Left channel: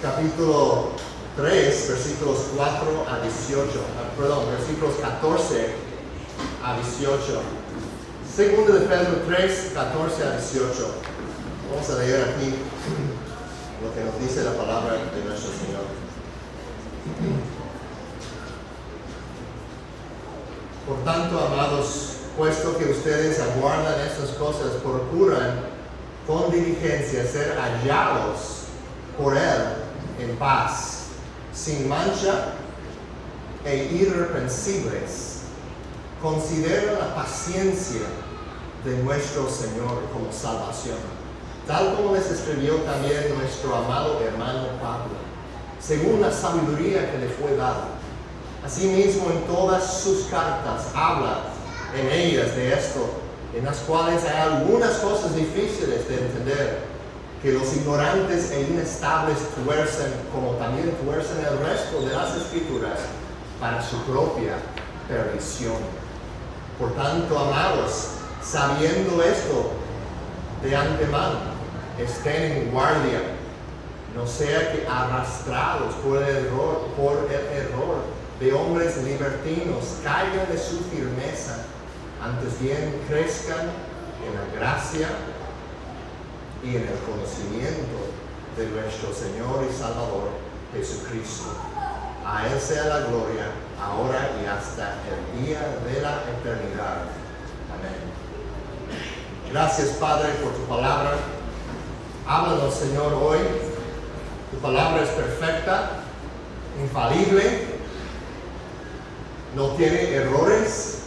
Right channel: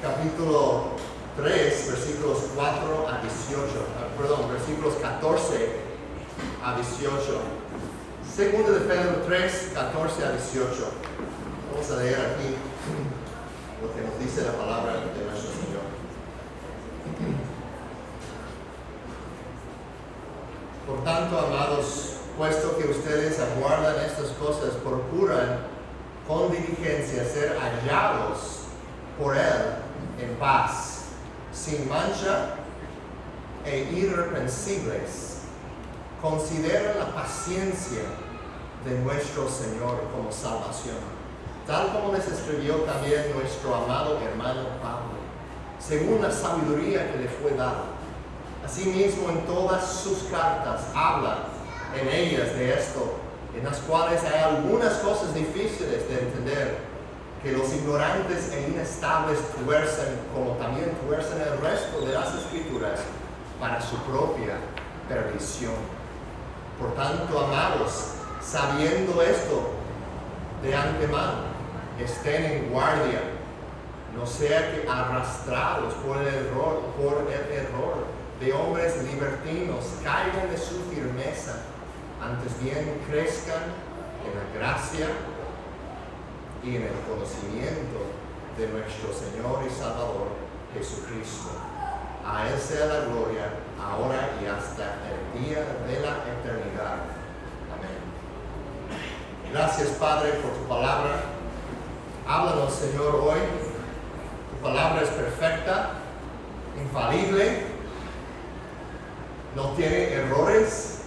capítulo 3, versículos 4 a 18, versículos 14 a 18. Segunda de Pedro 3, 14 a 18. Vamos a leer aquí lo que nos dice la palabra de nuestro Señor. Por tanto, amados, puesto que ustedes aguardan estas cosas, procuran con diligencia ser hallados por Él en paz, sin mancha e irreprensibles. Consideren la paciencia de nuestro Señor como salvación, tal como les escribió también nuestro amado hermano Pablo, según la sabiduría que le fue dada. Asimismo, en todas sus cartas habla en ellas de esto, en las cuales hay algunas cosas difíciles de entender, que los ignorantes e inestables tuercen, como también tuercen el resto de las Escrituras, para su propia perdición. Por tanto, amados, sabiendo esto de antemano, estén en guardia, no sea que arrastrados por el error de hombres libertinos caigan de su firmeza, antes bien crezcan en la gracia y en el conocimiento de nuestro Señor y Salvador Jesucristo. A Él sea la gloria, ahora y hasta el día de la eternidad. Amén. Gracias, Padre, por tu palabra. Háblanos, Señor, hoy. Tu palabra es perfecta, infalible, no tiene errores.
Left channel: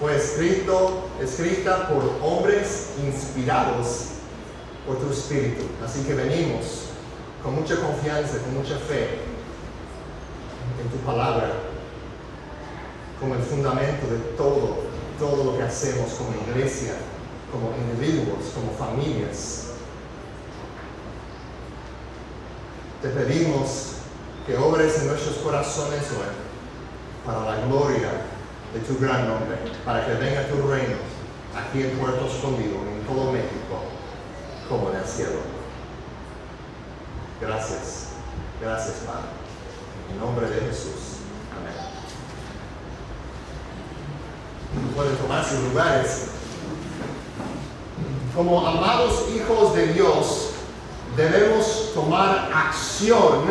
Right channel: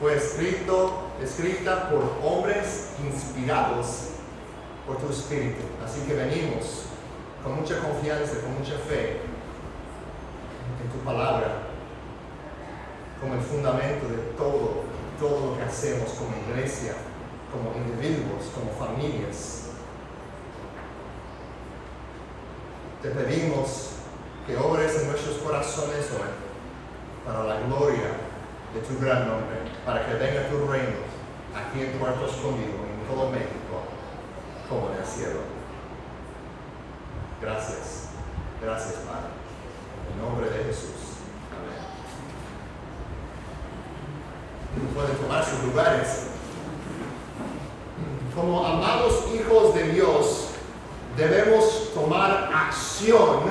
Fue escrita por hombres inspirados por tu Espíritu. Así que venimos con mucha confianza, con mucha fe en tu palabra, como el fundamento de todo lo que hacemos como iglesia, como individuos, como familias. Te pedimos que obres en nuestros corazones hoy para la gloria de tu gran nombre, para que venga tu reino aquí en Puerto Escondido, en todo México, como en el cielo. Gracias. Gracias, Padre. En nombre de Jesús. Amén. Pueden tomar sus lugares. Como amados hijos de Dios, debemos tomar acción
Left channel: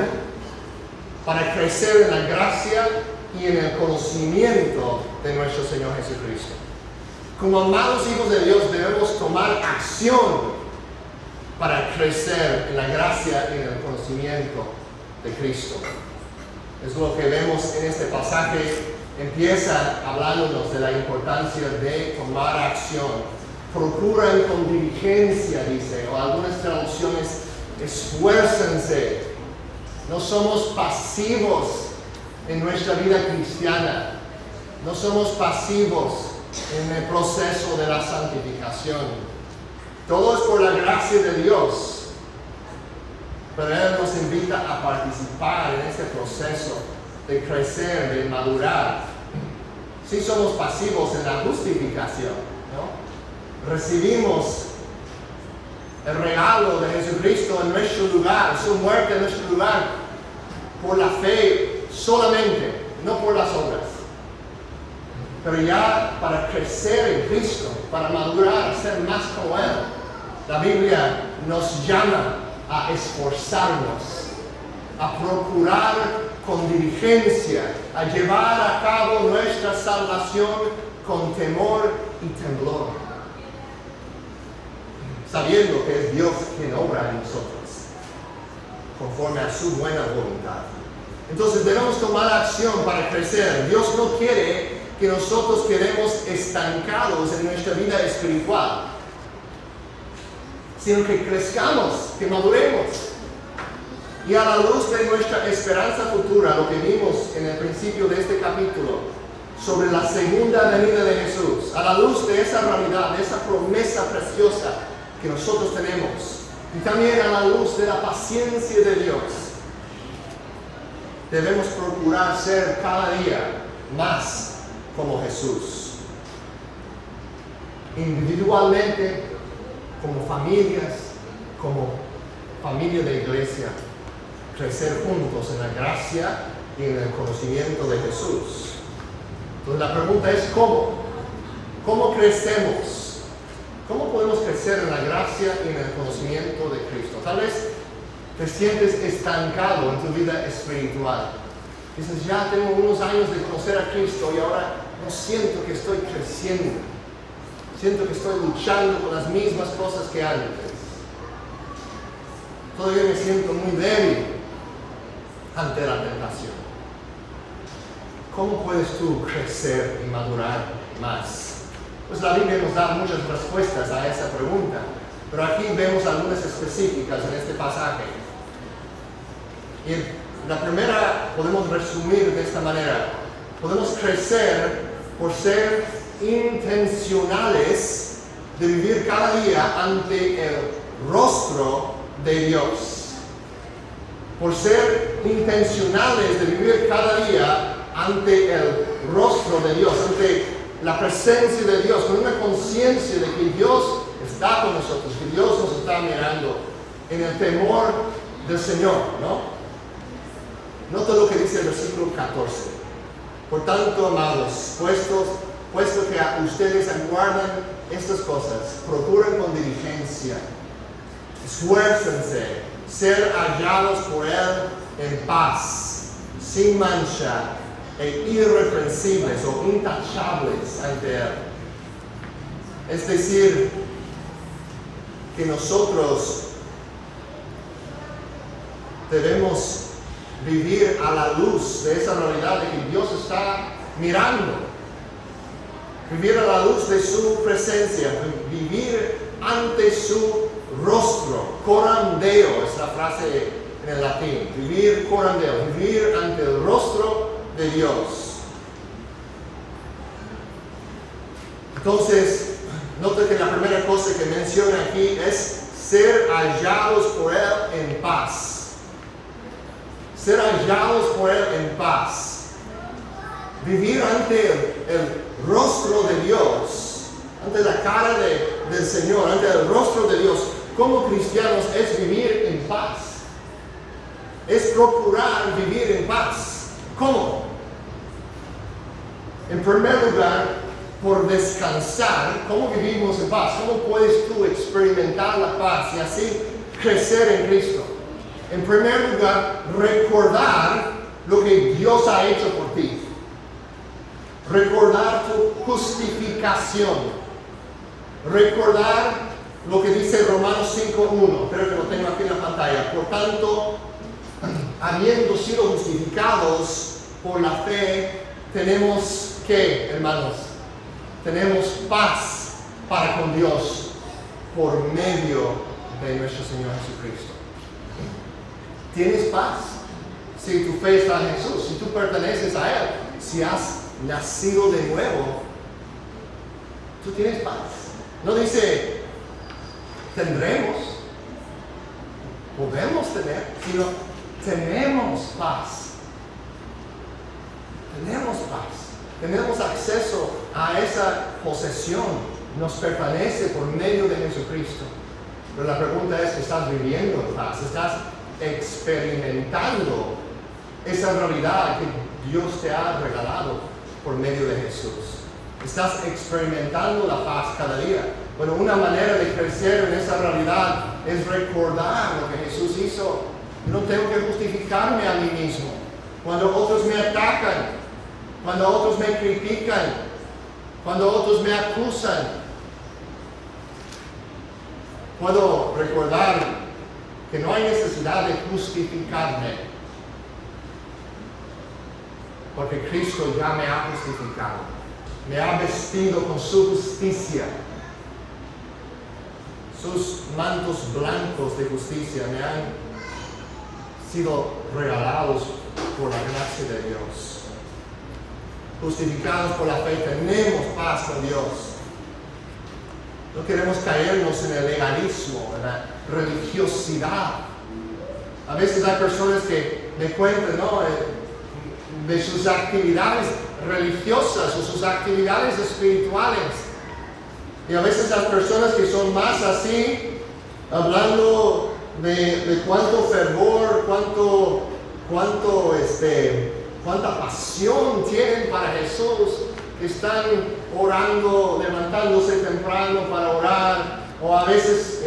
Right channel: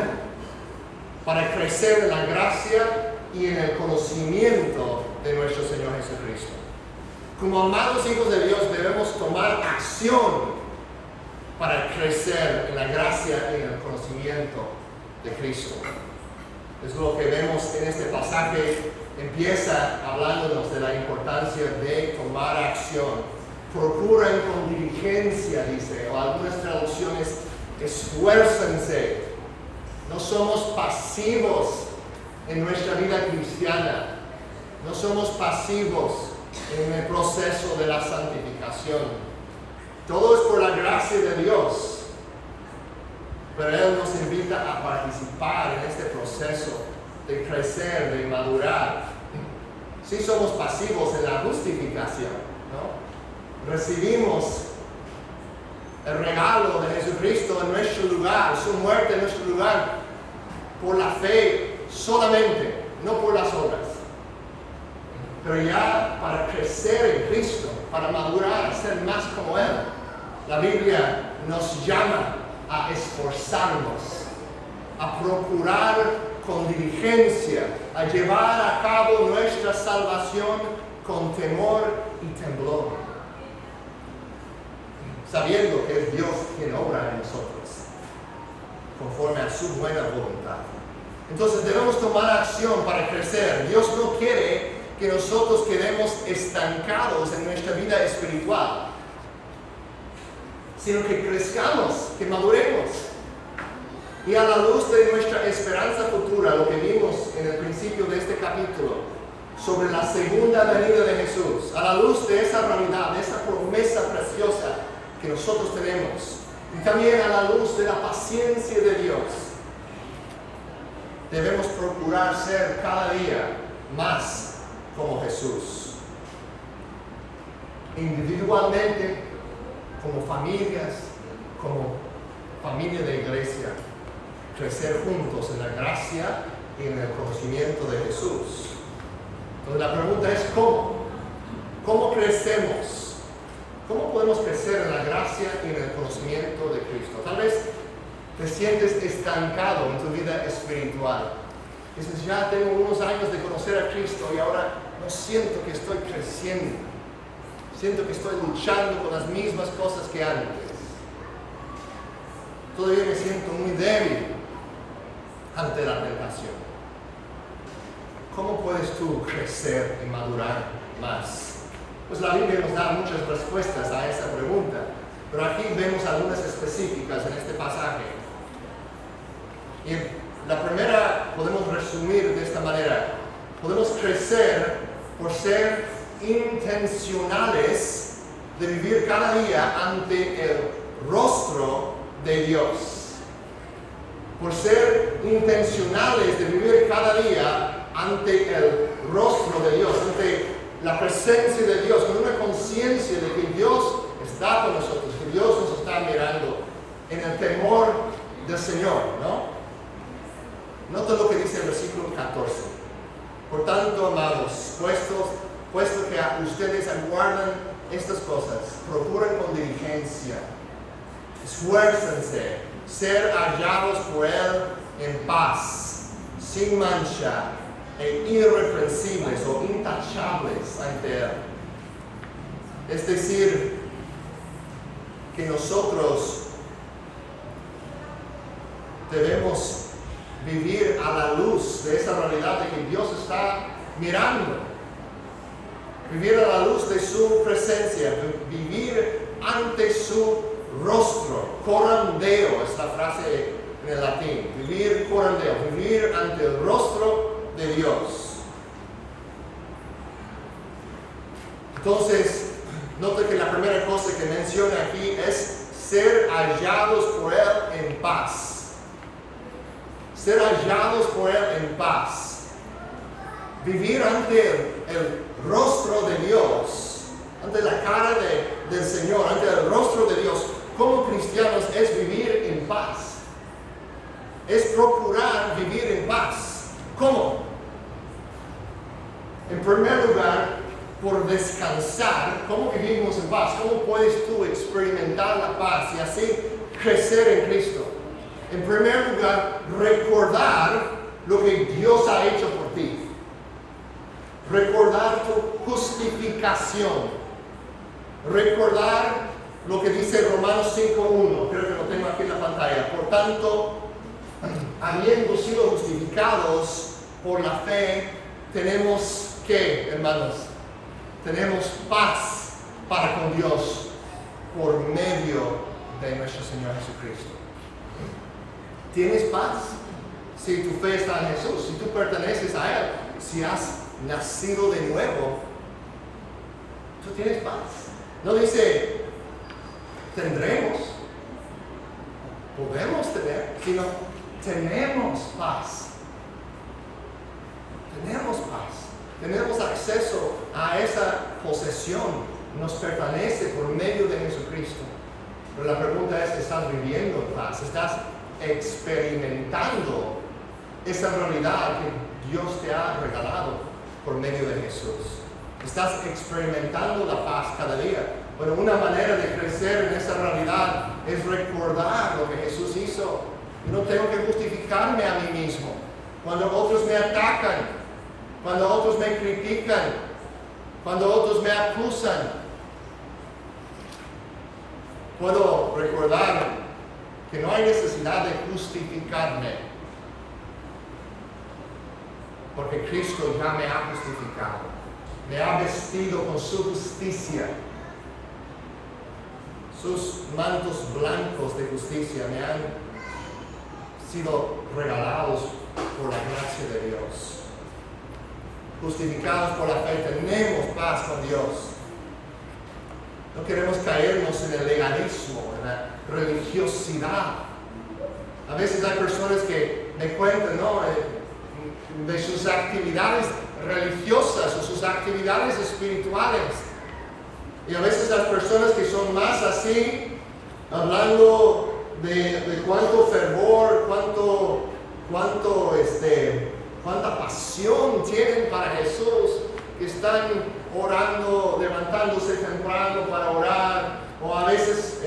para crecer en la gracia y en el conocimiento de nuestro Señor Jesucristo. Como amados hijos de Dios, debemos tomar acción para crecer en la gracia y en el conocimiento de Cristo. Es lo que vemos en este pasaje. Empieza hablándonos de la importancia de tomar acción. Procuran con diligencia, dice, o algunas traducciones, esfuércense. No somos pasivos en nuestra vida cristiana. No somos pasivos en el proceso de la santificación. Todo es por la gracia de Dios. Pero Él nos invita a participar en este proceso de crecer, de madurar. Sí somos pasivos en la justificación, ¿no? Recibimos el regalo de Jesucristo en nuestro lugar, su muerte en nuestro lugar, por la fe solamente, no por las obras. Pero ya para crecer en Cristo, para madurar, a ser más como Él, la Biblia nos llama a esforzarnos, a procurar con diligencia, a llevar a cabo nuestra salvación con temor y temblor, sabiendo que es Dios quien obra en nosotros, conforme a su buena voluntad. Entonces debemos tomar acción para crecer. Dios no quiere que nosotros quedemos estancados en nuestra vida espiritual, sino que crezcamos, que maduremos. Y a la luz de nuestra esperanza futura, lo que vimos en el principio de este capítulo, sobre la segunda venida de Jesús, a la luz de esa realidad, de esa promesa preciosa que nosotros tenemos, y también a la luz de la paciencia de Dios, debemos procurar ser cada día más como Jesús. Individualmente, como familias, como familia de iglesia, crecer juntos en la gracia y en el conocimiento de Jesús. Entonces la pregunta es ¿cómo? ¿Cómo crecemos? ¿Cómo podemos crecer en la gracia y en el conocimiento de Cristo? Tal vez te sientes estancado en tu vida espiritual. Dices, ya tengo unos años de conocer a Cristo y ahora no siento que estoy creciendo. Siento que estoy luchando con las mismas cosas que antes. Todavía me siento muy débil ante la tentación. ¿Cómo puedes tú crecer y madurar más? Pues la Biblia nos da muchas respuestas a esa pregunta, pero aquí vemos algunas específicas en este pasaje. Y la primera podemos resumir de esta manera. Podemos crecer por ser intencionales de vivir cada día ante el rostro de Dios. Por ser intencionales de vivir cada día ante el rostro de Dios, ante la presencia de Dios, con una conciencia de que Dios está con nosotros, que Dios nos está mirando, en el temor del Señor, ¿no? Nota lo que dice el versículo 14. Por tanto, amados, puesto que a ustedes aguardan estas cosas, procuren con diligencia, esfuércense, ser hallados por Él en paz, sin mancha e irreprensibles o intachables ante Él. Es decir, que nosotros debemos vivir a la luz de esa realidad de que Dios está mirando. Vivir a la luz de su presencia, vivir ante su rostro. Coram Deo es la frase en el latín. Vivir coram Deo, vivir ante el rostro de Dios. Entonces, nota que la primera cosa que menciona aquí es ser hallados por Él en paz. Ser hallados por Él en paz. Vivir ante el rostro de Dios, ante la cara del Señor, ante el rostro de Dios, como cristianos, es vivir en paz. Es procurar vivir en paz. ¿Cómo? En primer lugar, por descansar. ¿Cómo vivimos en paz? ¿Cómo puedes tú experimentar la paz y así crecer en Cristo? En primer lugar, recordar lo que Dios ha hecho por ti. Recordar tu justificación. Recordar lo que dice Romanos 5:1. Creo que lo tengo aquí en la pantalla. Por tanto, habiendo sido justificados por la fe, tenemos ¿qué, hermanos? Tenemos paz para con Dios por medio de nuestro Señor Jesucristo. ¿Tienes paz? Si tu fe está en Jesús, si tú perteneces a Él, si has nacido de nuevo, tú tienes paz. No dice, tendremos, podemos tener, sino tenemos paz. Tenemos paz. Tenemos acceso a esa posesión. Nos pertenece por medio de Jesucristo. Pero la pregunta es, ¿estás viviendo en paz? ¿Estás experimentando esa realidad que Dios te ha regalado por medio de Jesús? ¿Estás experimentando la paz cada día? Bueno, una manera de crecer en esa realidad es recordar lo que Jesús hizo. No tengo que justificarme a mí mismo. Cuando otros me atacan, cuando otros me critican, cuando otros me acusan, puedo recordar que no hay necesidad de justificarme, porque Cristo ya me ha justificado, me ha vestido con su justicia. Sus mantos blancos de justicia me han sido regalados por la gracia de Dios. Justificados por la fe, tenemos paz con Dios. No queremos caernos en el legalismo, en la religiosidad. A veces hay personas que me cuentan, ¿no?, de sus actividades religiosas o sus actividades espirituales. Y a veces las personas que son más así, hablando de cuánto fervor, cuánta pasión tienen para Jesús, que están orando, levantándose temprano para orar, o a veces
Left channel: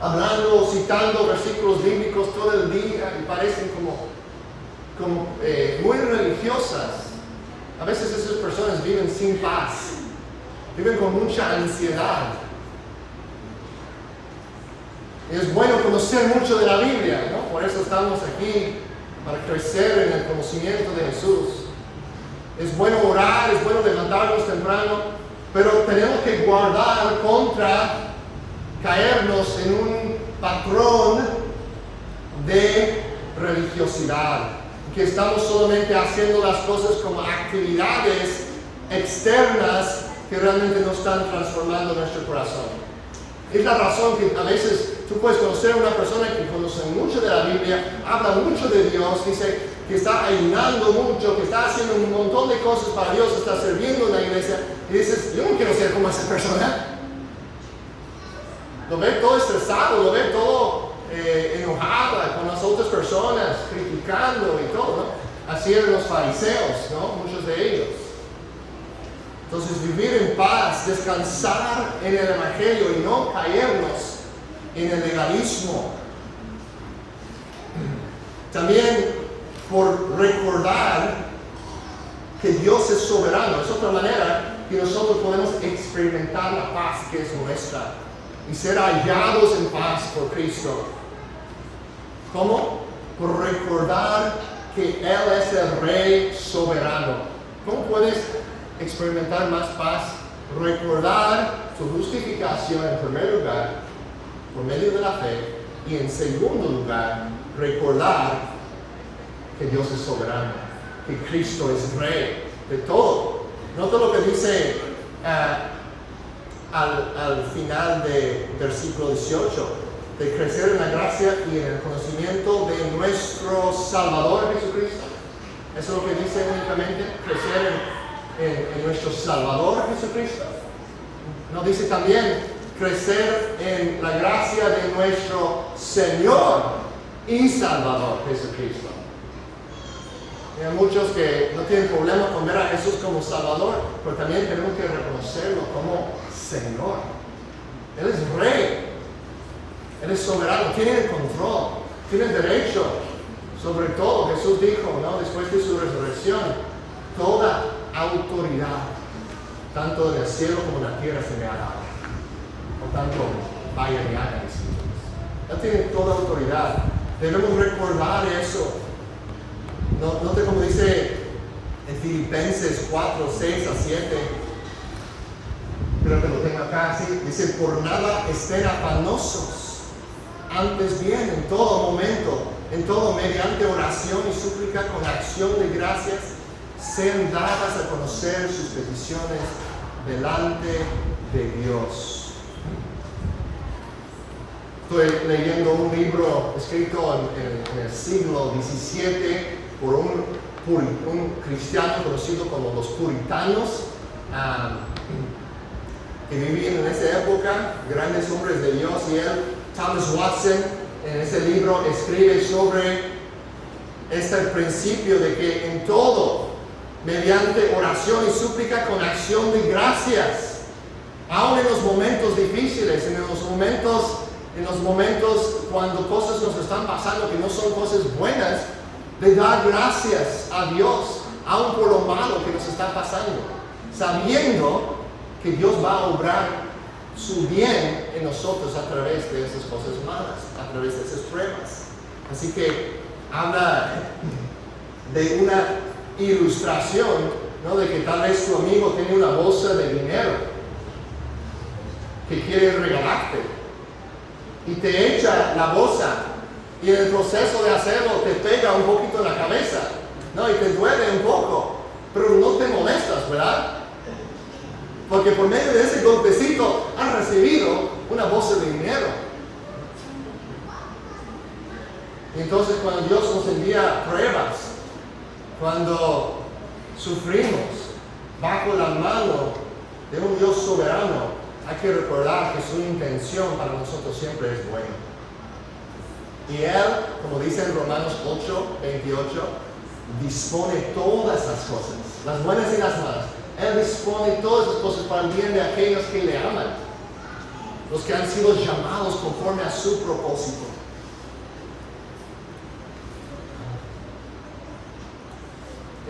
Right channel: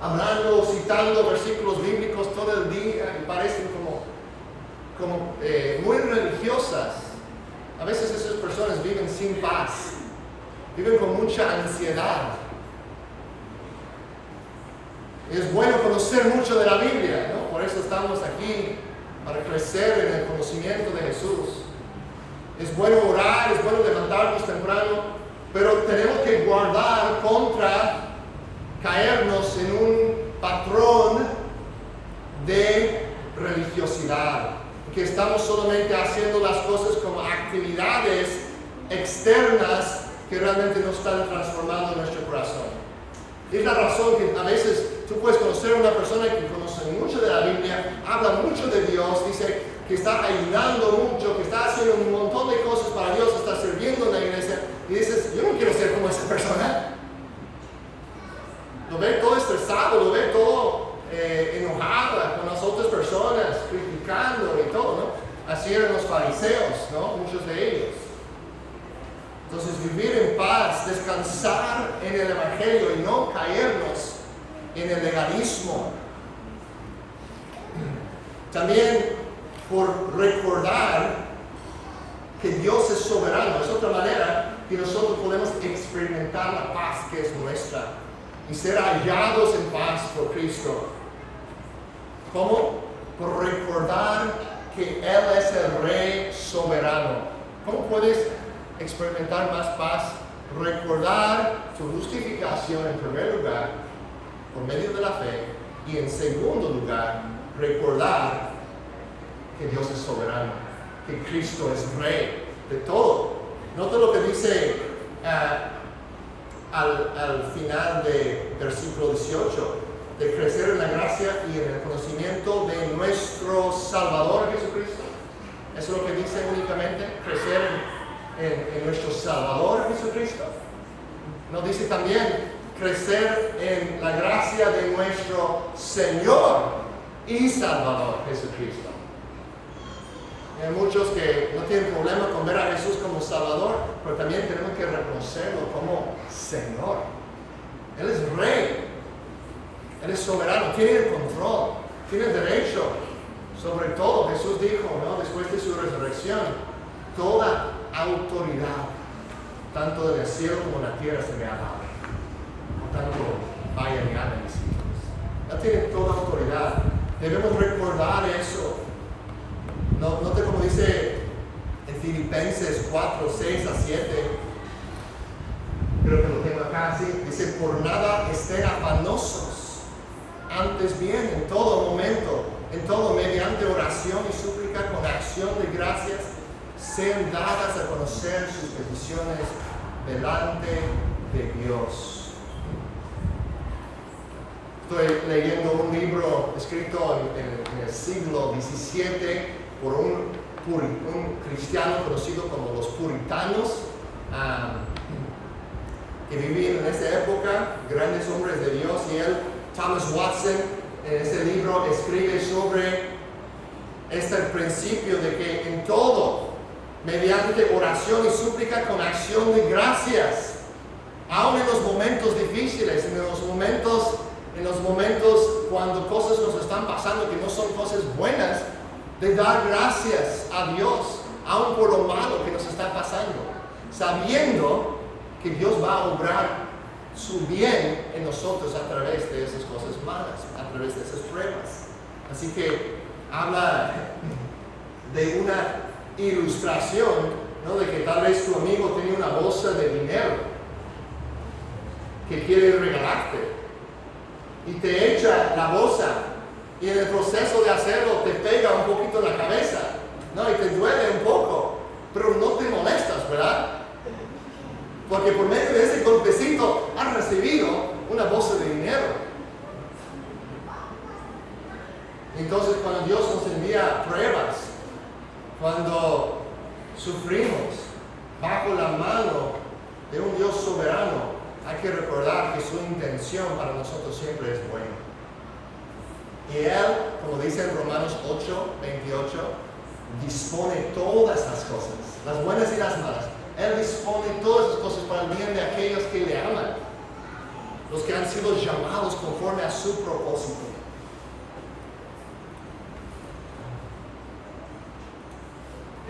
hablando, citando versículos bíblicos todo el día y parecen como muy religiosas. A veces esas personas viven sin paz, viven con mucha ansiedad. Es bueno conocer mucho de la Biblia, ¿no? Por eso estamos aquí, para crecer en el conocimiento de Jesús. Es bueno orar, es bueno levantarnos temprano, pero tenemos que guardar contra caernos en un patrón de religiosidad, que estamos solamente haciendo las cosas como actividades externas que realmente no están transformando nuestro corazón. Es la razón que a veces tú puedes conocer a una persona que conoce mucho de la Biblia, habla mucho de Dios, dice que está ayunando mucho, que está haciendo un montón de cosas para Dios, está sirviendo en la iglesia, y dices, yo no quiero ser como esa persona. Lo ve todo estresado, lo ve todo enojada con las otras personas, criticando y todo, ¿no? Así eran los fariseos, ¿no? Muchos de ellos. Entonces, vivir en paz, descansar en el Evangelio y no caernos en el legalismo. También por recordar que Dios es soberano. Es otra manera que nosotros podemos experimentar la paz que es nuestra y ser hallados en paz por Cristo. ¿Cómo? Por recordar que Él es el Rey soberano. ¿Cómo puedes experimentar más paz? Recordar tu justificación en primer lugar por medio de la fe, y en segundo lugar recordar que Dios es soberano, que Cristo es Rey de todo. Nota lo que dice al final del versículo 18, de crecer en la gracia y en el conocimiento de nuestro Salvador Jesucristo. Eso es lo que dice únicamente, crecer en nuestro Salvador Jesucristo. No dice también crecer en la gracia de nuestro Señor y Salvador Jesucristo. Hay muchos que no tienen problema con ver a Jesús como Salvador, pero también tenemos que reconocerlo como Señor. Él es Rey, Él es soberano, tiene el control, tiene el derecho sobre todo. Jesús dijo, ¿no? Después de su resurrección, toda autoridad, tanto en el cielo como en la tierra, se me ha dado. Por tanto, vayan y hagan discípulos. Ya tienen toda autoridad. Debemos recordar eso. Note como dice en Filipenses 4, 6 a 7. Creo que lo tengo acá así. Dice, por nada estén afanosos. Antes bien, en todo momento, en todo, mediante oración y súplica, con acción de gracias, sean dadas a conocer sus peticiones delante de Dios. Estoy leyendo un libro escrito en el siglo XVII por un cristiano conocido como los puritanos, que vivían en esa época, grandes hombres de Dios, y él, Thomas Watson, en ese libro escribe sobre este principio de que en todo, mediante oración y súplica con acción de gracias, aun en los momentos difíciles, en los momentos cuando cosas nos están pasando que no son cosas buenas, de dar gracias a Dios, aun por lo malo que nos está pasando, sabiendo que Dios va a obrar su bien en nosotros a través de esas cosas malas, a través de esas pruebas. Así que habla de una ilustración, ¿no? De que tal vez tu amigo tiene una bolsa de dinero que quiere regalarte y te echa la bolsa, y en el proceso de hacerlo te pega un poquito en la cabeza, ¿no? Y te duele un poco, pero no te molestas, ¿verdad? Porque por medio de ese golpecito has recibido una bolsa de dinero. Y entonces cuando Dios nos envía pruebas, cuando sufrimos bajo la mano de un Dios soberano, hay que recordar que su intención para nosotros siempre es buena. Y Él, como dice en Romanos 8:28, dispone todas las cosas, las buenas y las malas. Él dispone todas las cosas para el bien de aquellos que le aman, los que han sido llamados conforme a su propósito.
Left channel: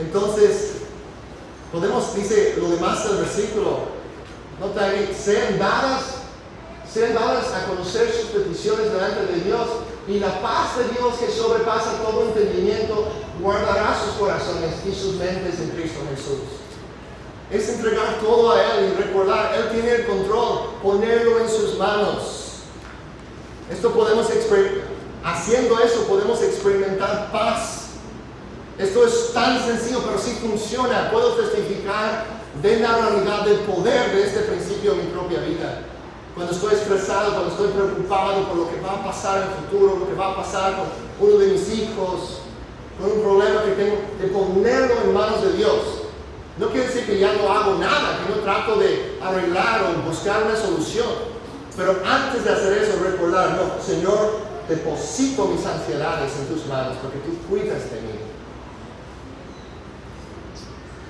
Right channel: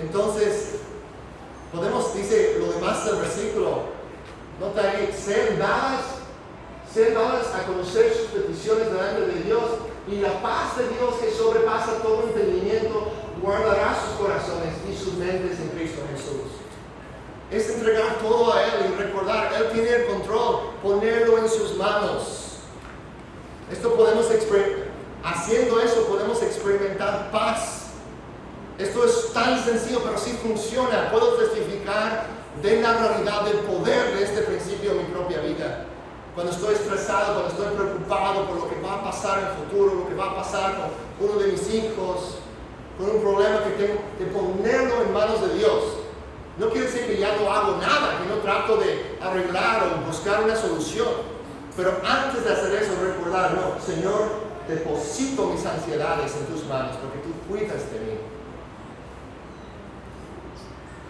Entonces, dice lo demás del versículo, nota ahí, sean dadas a conocer sus peticiones delante de Dios, y la paz de Dios que sobrepasa todo entendimiento guardará sus corazones y sus mentes en Cristo Jesús. Es entregar todo a Él y recordar, Él tiene el control, ponerlo en sus manos. Haciendo eso podemos experimentar paz. Esto es tan sencillo, pero sí funciona. Puedo testificar de la realidad del poder de este principio en mi propia vida. Cuando estoy estresado, cuando estoy preocupado por lo que va a pasar en el futuro, lo que va a pasar con uno de mis hijos, con un problema que tengo, de ponerlo en manos de Dios. No quiere decir que ya no hago nada, que no trato de arreglar o buscar una solución. Pero antes de hacer eso, recordar, no, Señor, deposito mis ansiedades en tus manos porque tú cuidas de mí.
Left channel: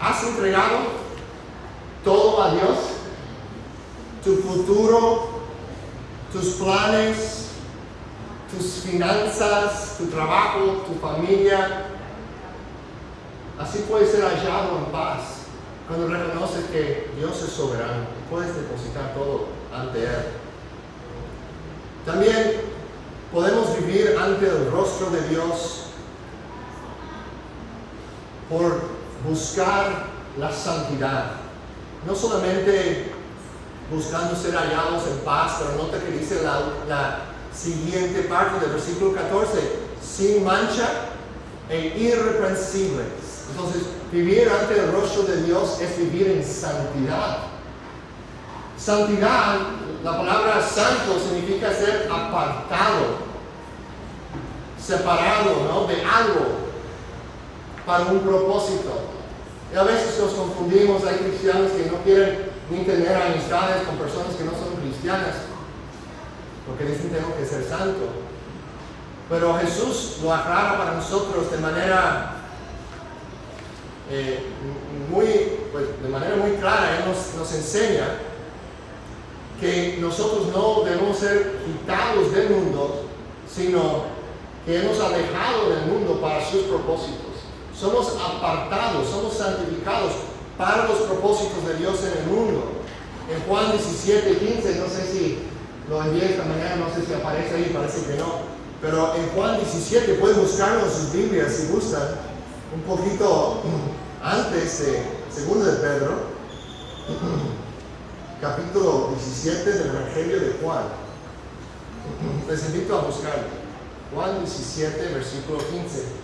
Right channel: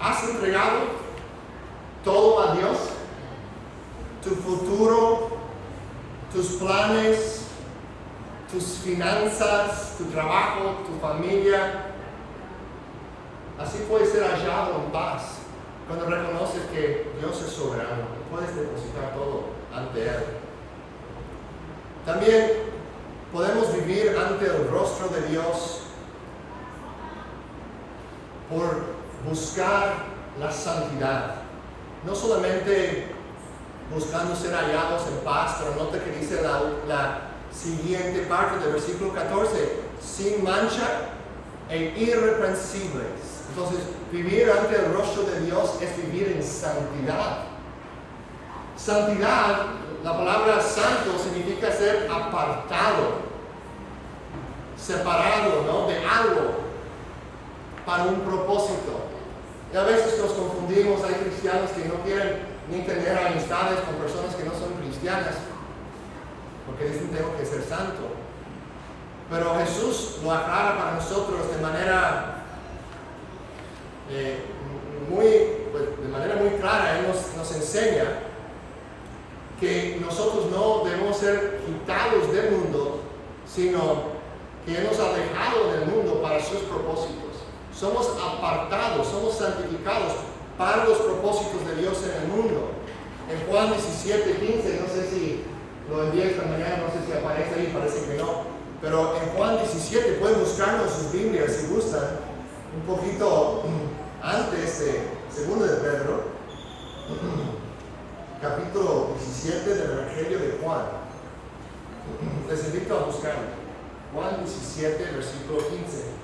¿Has entregado todo a Dios? Tu futuro, tus planes, tus finanzas, tu trabajo, tu familia. Así puedes ser hallado en paz cuando reconoces que Dios es soberano y puedes depositar todo ante Él. También podemos vivir ante el rostro de Dios por buscar la santidad. No solamente buscando ser hallados en paz, pero nota que dice la siguiente parte del versículo 14, sin mancha e irreprensibles. Entonces, vivir ante el rostro de Dios es vivir en santidad. Santidad, la palabra santo significa ser apartado, separado, ¿no?, de algo para un propósito. Y a veces nos confundimos, hay cristianos que no quieren ni tener amistades con personas que no son cristianas, porque dicen tengo que ser santo. Pero Jesús lo aclara para nosotros de manera muy clara. Él nos enseña que nosotros no debemos ser quitados del mundo, sino que hemos alejado del mundo para sus propósitos. Somos apartados, somos santificados para los propósitos de Dios en el mundo. En Juan 17:15, no sé si lo envié esta mañana, no sé si aparece ahí, parece que no. Pero en Juan 17, pueden buscarlo en sus Biblias si gustan, un poquito antes de 2 de Pedro, capítulo 17 del Evangelio de Juan. Les invito a buscarlo. Juan 17, versículo 15.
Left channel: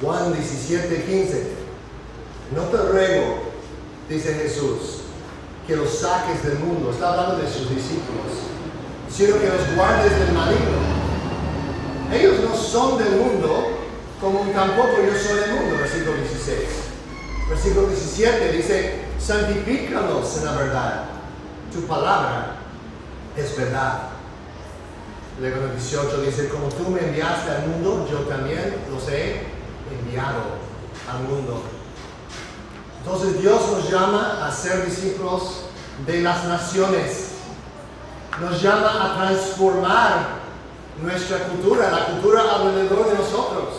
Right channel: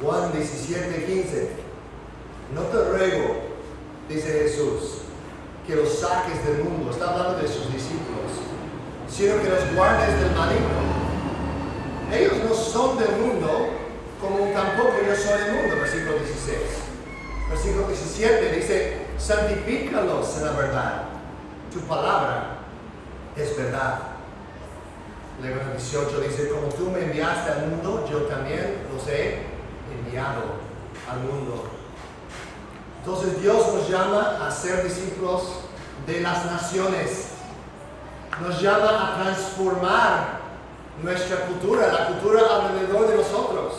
Juan 17:15. No te ruego, dice Jesús, que los saques del mundo. Está hablando de sus discípulos, sino que los guardes del maligno. Ellos no son del mundo, como tampoco yo soy del mundo. Versículo 16. Versículo 17 dice, santifícalos en la verdad. Tu palabra es verdad. Luego en el 18 dice, como tú me enviaste al mundo, yo también los he enviado al mundo. Entonces Dios nos llama a ser discípulos de las naciones. Nos llama a transformar nuestra cultura, la cultura alrededor de nosotros.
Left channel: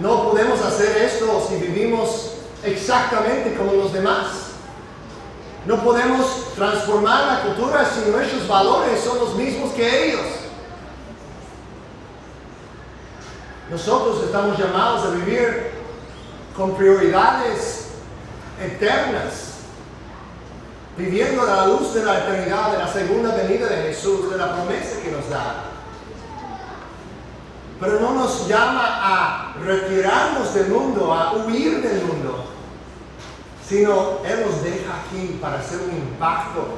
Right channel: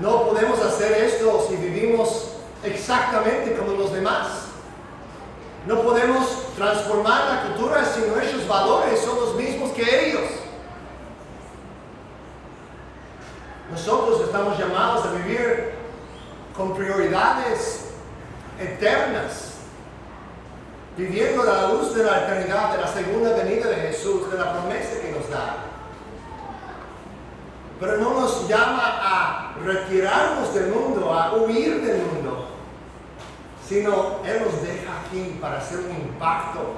No podemos hacer esto si vivimos exactamente como los demás. No podemos transformar la cultura si nuestros valores son los mismos que ellos. Nosotros estamos llamados a vivir con prioridades eternas, viviendo a la luz de la eternidad, de la segunda venida de Jesús, de la promesa que nos da. Pero no nos llama a retirarnos del mundo, a huir del mundo, sino Él nos deja aquí para hacer un impacto,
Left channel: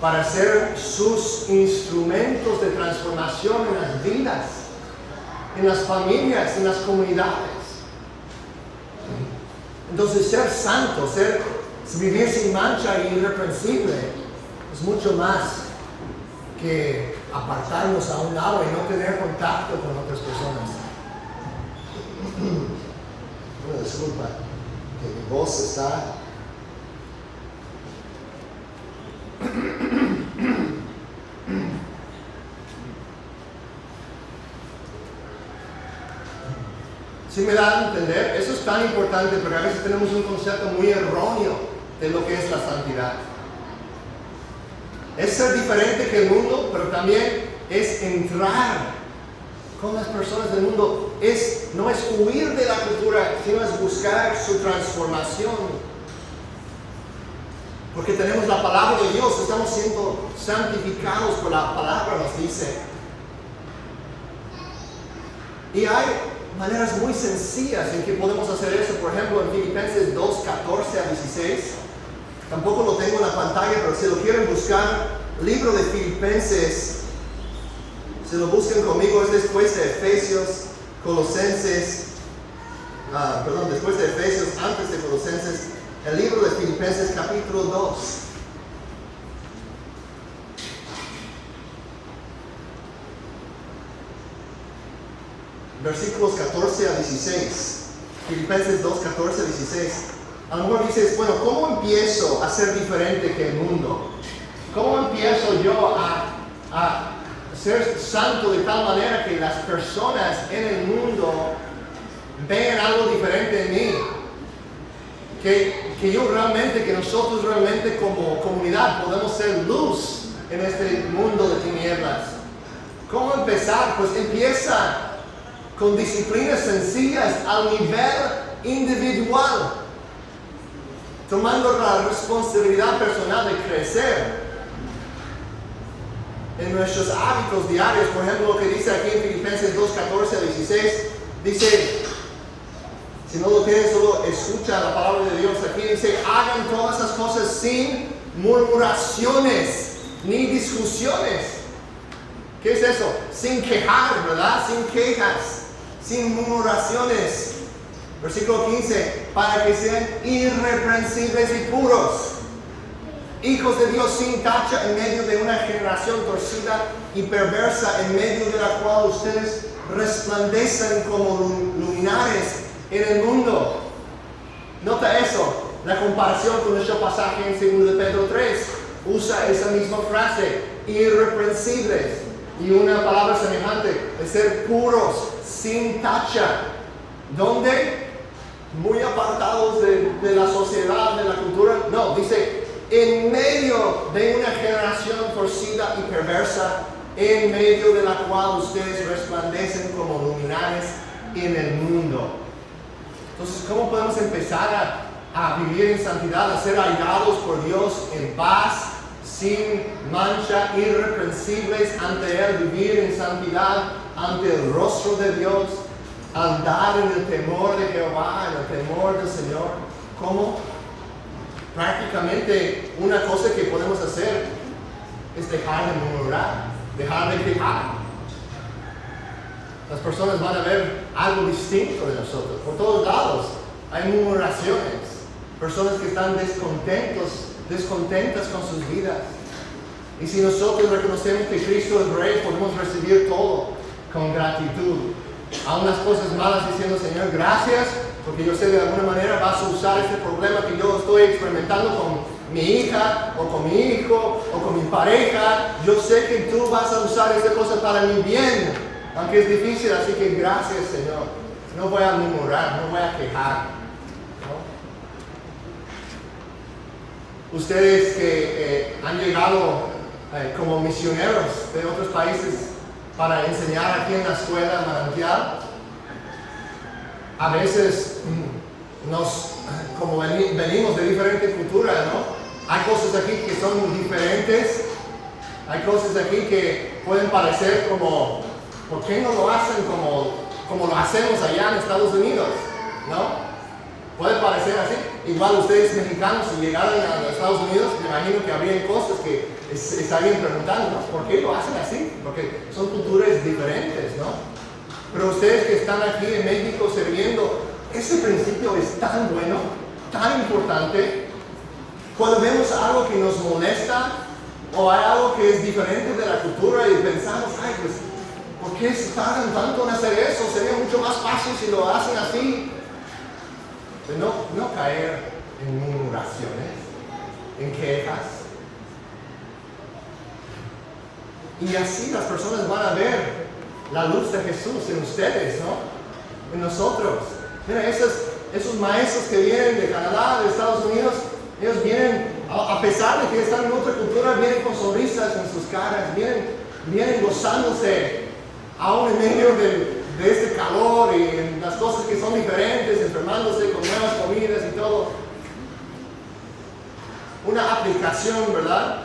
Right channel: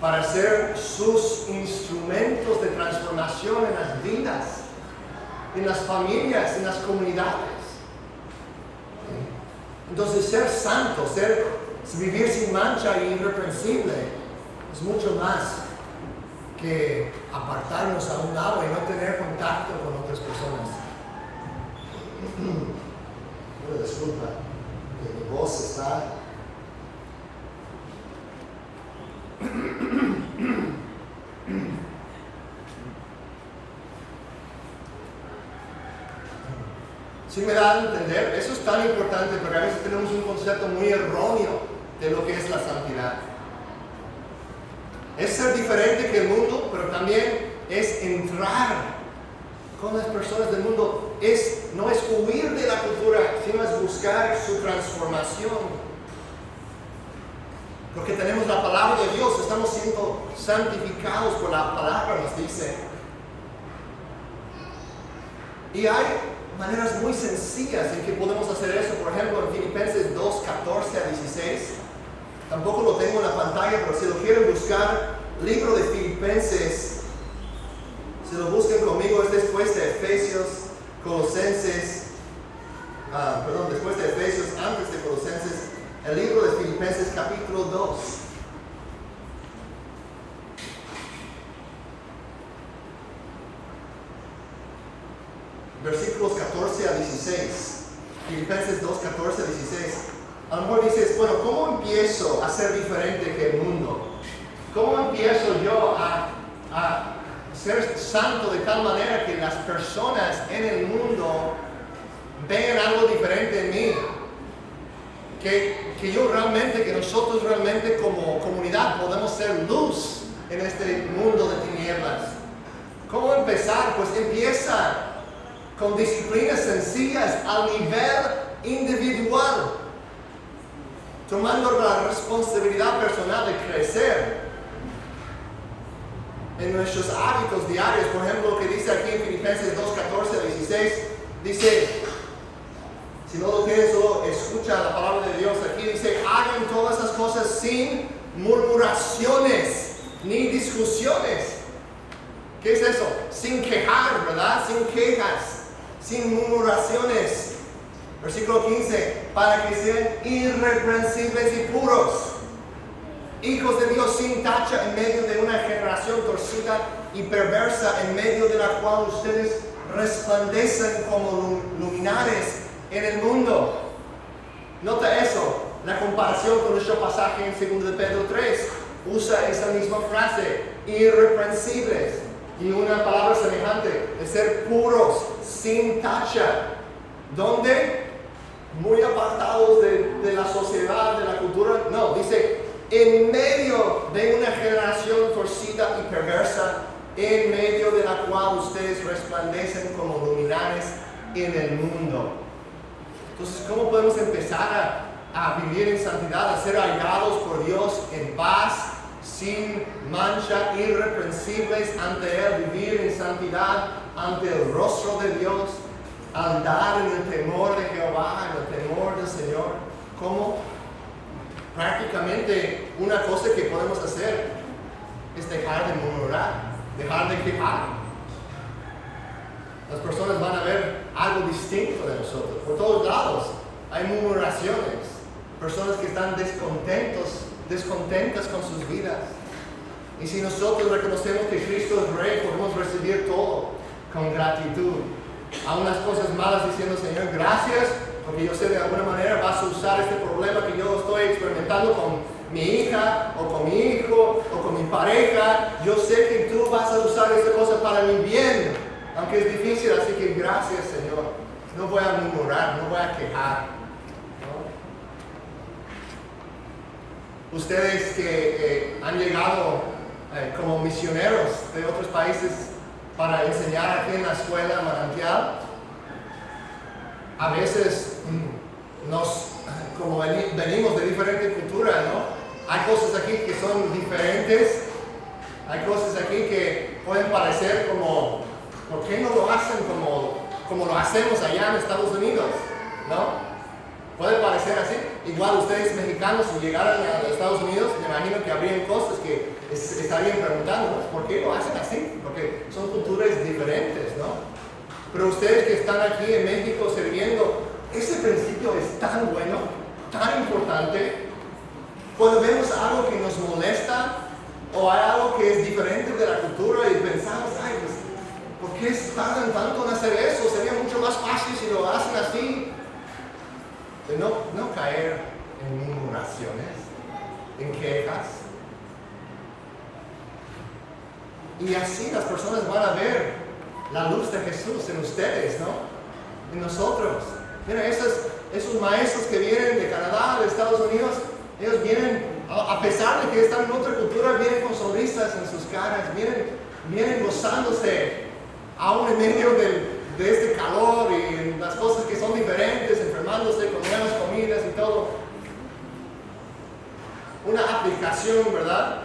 para ser sus instrumentos de transformación en las vidas, en las familias, en las comunidades. Entonces ser santo, vivir sin mancha e irreprensible es mucho más que apartarnos a un lado y no tener contacto con otras personas. Bueno, disculpa, que mi voz está... ¿Sí me da a entender? Eso es tan importante porque a veces tenemos un concepto muy erróneo de lo que es la santidad. Es ser diferente que el mundo, pero también es entrar con las personas del mundo. No es huir de la cultura, sino es buscar su transformación. Porque tenemos la palabra de Dios, estamos siendo santificados por la palabra, nos dice. Y hay maneras muy sencillas en que podemos hacer eso. Por ejemplo, en Filipenses 2, 14 a 16. Tampoco lo tengo en la pantalla, pero si lo quieren buscar, libro de Filipenses, si lo buscan conmigo, es después de Efesios, Colosenses, después de Efesios, antes de Colosenses, el libro de Filipenses capítulo 2. Versículos 14 a 16. Filipenses 2, 14 a 16. A lo mejor dices, bueno, ¿cómo empiezo a ser diferente que el mundo? ¿Cómo empiezo yo a ser santo de tal manera que las personas en el mundo vean algo diferente en mí? Que nosotros realmente como comunidad podemos ser luz en este mundo de tinieblas. ¿Cómo empezar? Pues empieza con disciplinas sencillas al nivel individual, tomando la responsabilidad personal de crecer en nuestros hábitos diarios. Por ejemplo, lo que dice aquí en Filipenses 2, 14 a 16, dice, si no lo tienes, solo escucha la palabra de Dios. Aquí dice, hagan todas esas cosas sin murmuraciones ni discusiones. ¿Qué es eso? Sin quejar, ¿verdad? Sin quejas, sin murmuraciones. Versículo 15, para que sean irreprensibles y puros, hijos de Dios sin tacha en medio de una generación torcida y perversa, en medio de la cual ustedes resplandecen como luminares en el mundo. Nota eso, la comparación con nuestro pasaje en 2 de Pedro 3, usa esa misma frase, irreprensibles, y una palabra semejante, de ser puros, sin tacha. ¿Dónde? Muy apartados de la sociedad, de la cultura. No, dice, en medio de una generación torcida y perversa, en medio de la cual ustedes resplandecen como luminares en el mundo. Entonces, ¿cómo podemos empezar a vivir en santidad, a ser hallados por Dios en paz, sin mancha, irreprensibles ante Él, vivir en santidad ante el rostro de Dios, andar en el temor de Jehová, en el temor del Señor? ¿Cómo? Prácticamente una cosa que podemos hacer es dejar de murmurar, dejar de quejar. Las personas van a ver algo distinto de nosotros. Por todos lados hay murmuraciones, personas que están descontentas con sus vidas. Y si nosotros reconocemos que Cristo es Rey, podemos recibir todo con gratitud. A unas cosas malas diciendo, Señor, gracias, porque yo sé de alguna manera vas a usar este problema que yo estoy experimentando con mi hija, o con mi hijo, o con mi pareja. Yo sé que tú vas a usar esta cosa para mi bien, aunque es difícil, así que gracias, Señor. No voy a murmurar, no voy a quejar, ¿no? Ustedes que han llegado como misioneros de otros países para enseñar aquí en la escuela Manantial, a veces como venimos de diferente cultura, ¿no? Hay cosas aquí que son diferentes, hay cosas aquí que pueden parecer como, ¿por qué no lo hacen como lo hacemos allá en Estados Unidos? ¿No? Puede parecer así. Igual ustedes mexicanos, si llegaran a los Estados Unidos, me imagino que habrían cosas que estarían preguntándonos, ¿por qué lo hacen así? Porque son culturas diferentes, ¿no? Pero ustedes que están aquí en México sirviendo, ese principio es tan bueno, tan importante. Cuando vemos algo que nos molesta o hay algo que es diferente de la cultura y pensamos, ay, pues, ¿por qué se tardan tanto en hacer eso? Sería mucho más fácil si lo hacen así. De no caer en murmuraciones, en quejas. Y así las personas van a ver la luz de Jesús en ustedes, ¿no? En nosotros. Mira, esos maestros que vienen de Canadá, de Estados Unidos, ellos vienen, a pesar de que están en otra cultura, vienen con sonrisas en sus caras, vienen gozándose, aún en medio de este calor y en las cosas que son diferentes, enfermándose con nuevas comidas y todo. Una aplicación, ¿verdad?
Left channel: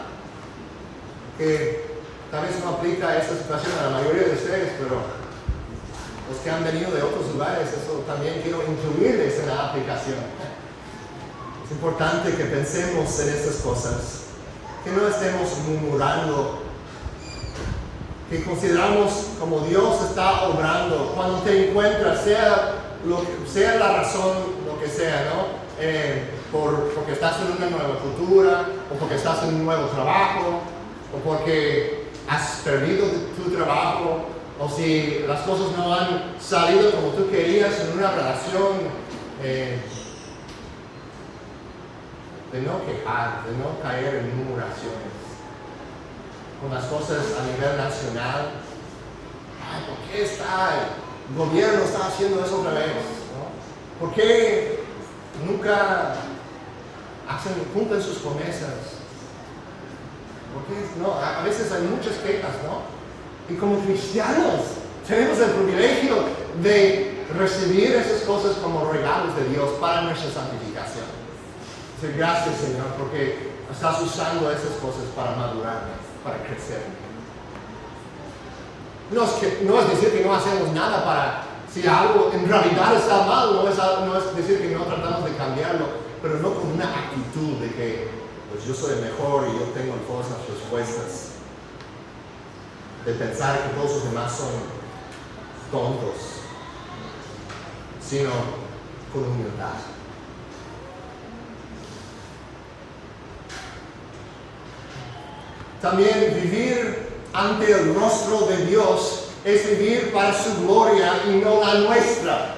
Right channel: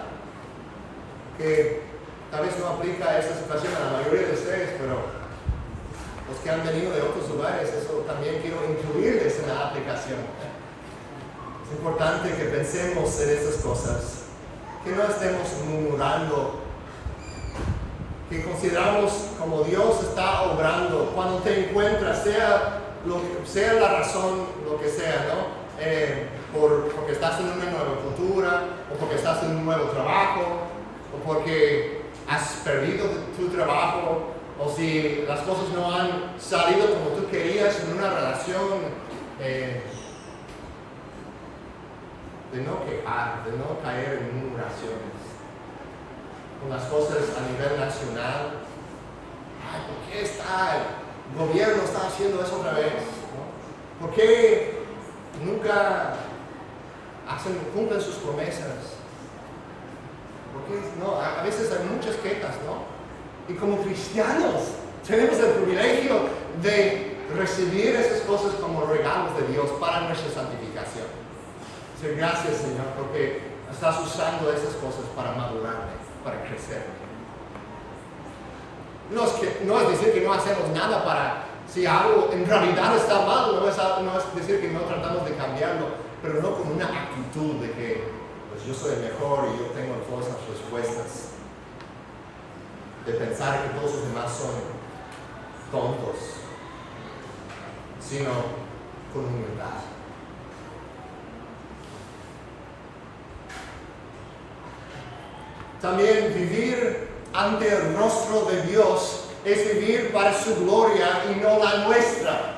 Que tal vez no aplica a esta situación a la mayoría de ustedes, pero los que han venido de otros lugares, eso también quiero incluirles en la aplicación. Es importante que pensemos en estas cosas, que no estemos murmurando, que consideramos como Dios está obrando cuando te encuentras, sea la razón, lo que sea, ¿no? Porque estás en una nueva cultura, o porque estás en un nuevo trabajo, o porque has perdido tu trabajo, o si las cosas no han salido como tú querías en una relación, de no quejar, de no caer en murmuraciones. Con las cosas a nivel nacional, ay, ¿por qué el gobierno está haciendo eso otra vez? ¿No? ¿Por qué nunca cumplen sus promesas? Porque no, a veces hay muchas quejas, ¿no? Y como cristianos tenemos el privilegio de recibir esas cosas como regalos de Dios para nuestra santificación. Decir, gracias, Señor, porque estás usando esas cosas para madurarme, para crecer. No es decir que no hacemos nada para, si algo en realidad está mal, no es decir que no tratamos de cambiarlo, pero no con una actitud de que pues yo soy el mejor y yo tengo todas las respuestas. De pensar que todos los demás son tontos, sino con humildad. También vivir ante el rostro de Dios es vivir para su gloria y no la nuestra.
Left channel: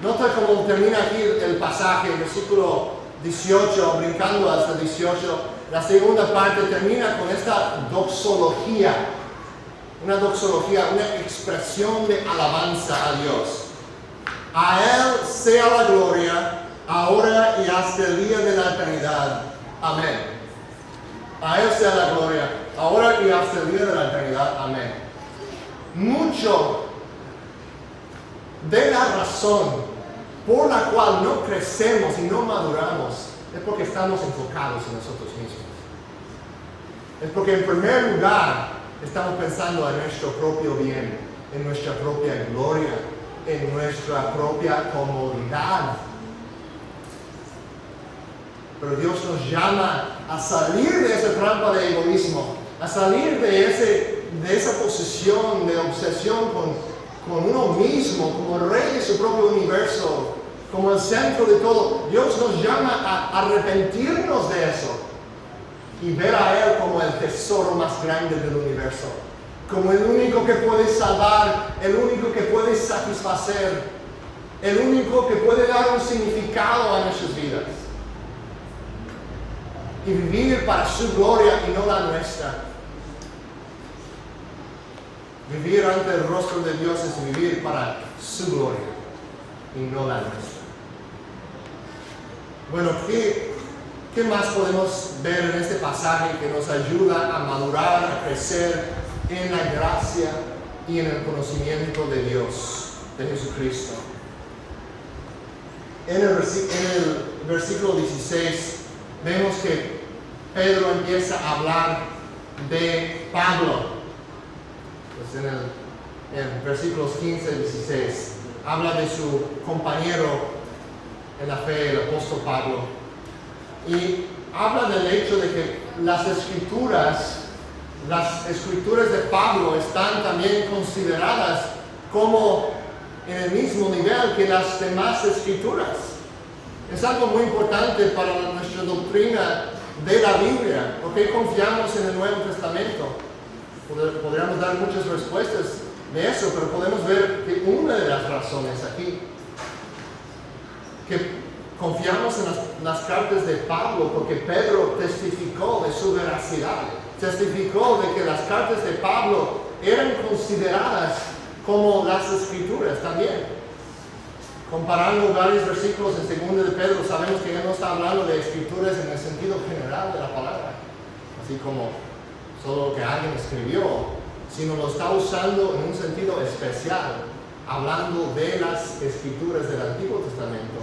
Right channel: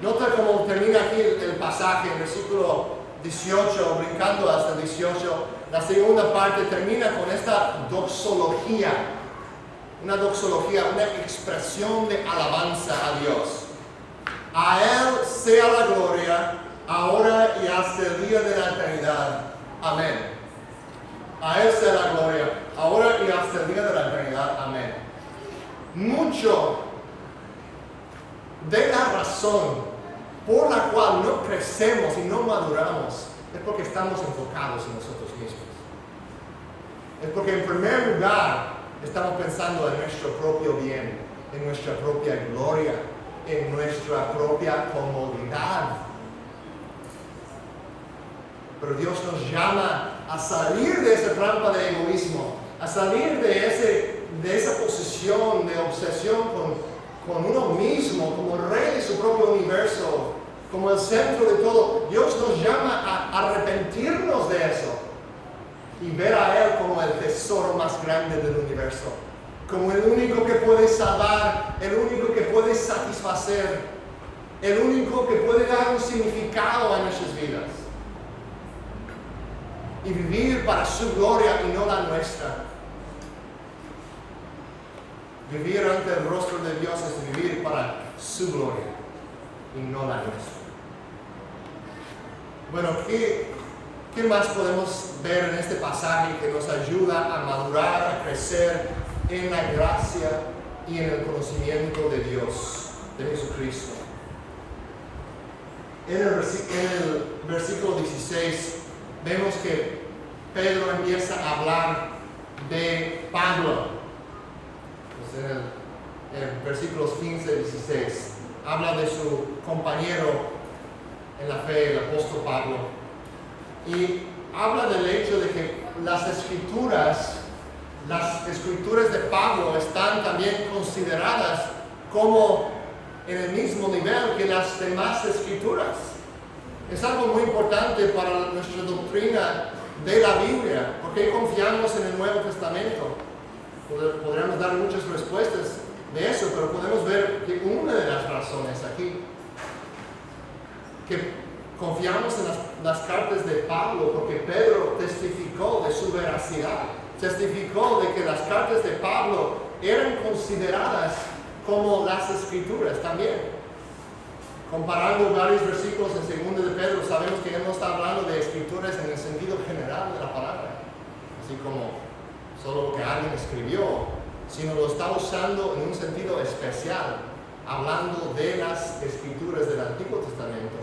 Nota cómo termina aquí el pasaje, el versículo 18, brincando hasta el 18. La segunda parte termina con esta doxología. Una doxología, una expresión de alabanza a Dios. A Él sea la gloria, ahora y hasta el día de la eternidad. Amén. A Él sea la gloria, ahora y hasta el día de la eternidad. Amén. Mucho de la razón por la cual no crecemos y no maduramos es porque estamos enfocados en nosotros mismos. Es porque en primer lugar estamos pensando en nuestro propio bien, en nuestra propia gloria, en nuestra propia comodidad. Pero Dios nos llama a salir de esa trampa de egoísmo, a salir de esa posición de obsesión con uno mismo, como rey de su propio universo, como el centro de todo. Dios nos llama a arrepentirnos de eso y ver a Él como el tesoro más grande del universo, como el único que puede salvar, el único que puede satisfacer, el único que puede dar un significado a nuestras vidas. Y vivir para su gloria y no la nuestra. Vivir ante el rostro de Dios es vivir para su gloria y no la nuestra. Bueno, ¿qué más podemos ver en este pasaje que nos ayuda a madurar, a crecer en la gracia y en el conocimiento de Dios, de Jesucristo? En el versículo 16 vemos que Pedro empieza a hablar de Pablo. Pues en versículos 15 y 16 habla de su compañero en la fe, el apóstol Pablo. Y habla del hecho de que las escrituras de Pablo están también consideradas como en el mismo nivel que las demás escrituras. Es algo muy importante para nuestra doctrina de la Biblia. ¿Por qué confiamos en el Nuevo Testamento? Podríamos dar muchas respuestas de eso, pero podemos ver que una de las razones aquí, que confiamos en las cartas de Pablo, porque Pedro testificó de su veracidad, testificó de que las cartas de Pablo eran consideradas como las escrituras también. Comparando varios versículos en 2 de Pedro, sabemos que ya no está hablando de escrituras en el sentido general de la palabra, así como solo lo que alguien escribió, sino lo está usando en un sentido especial, hablando de las escrituras del Antiguo Testamento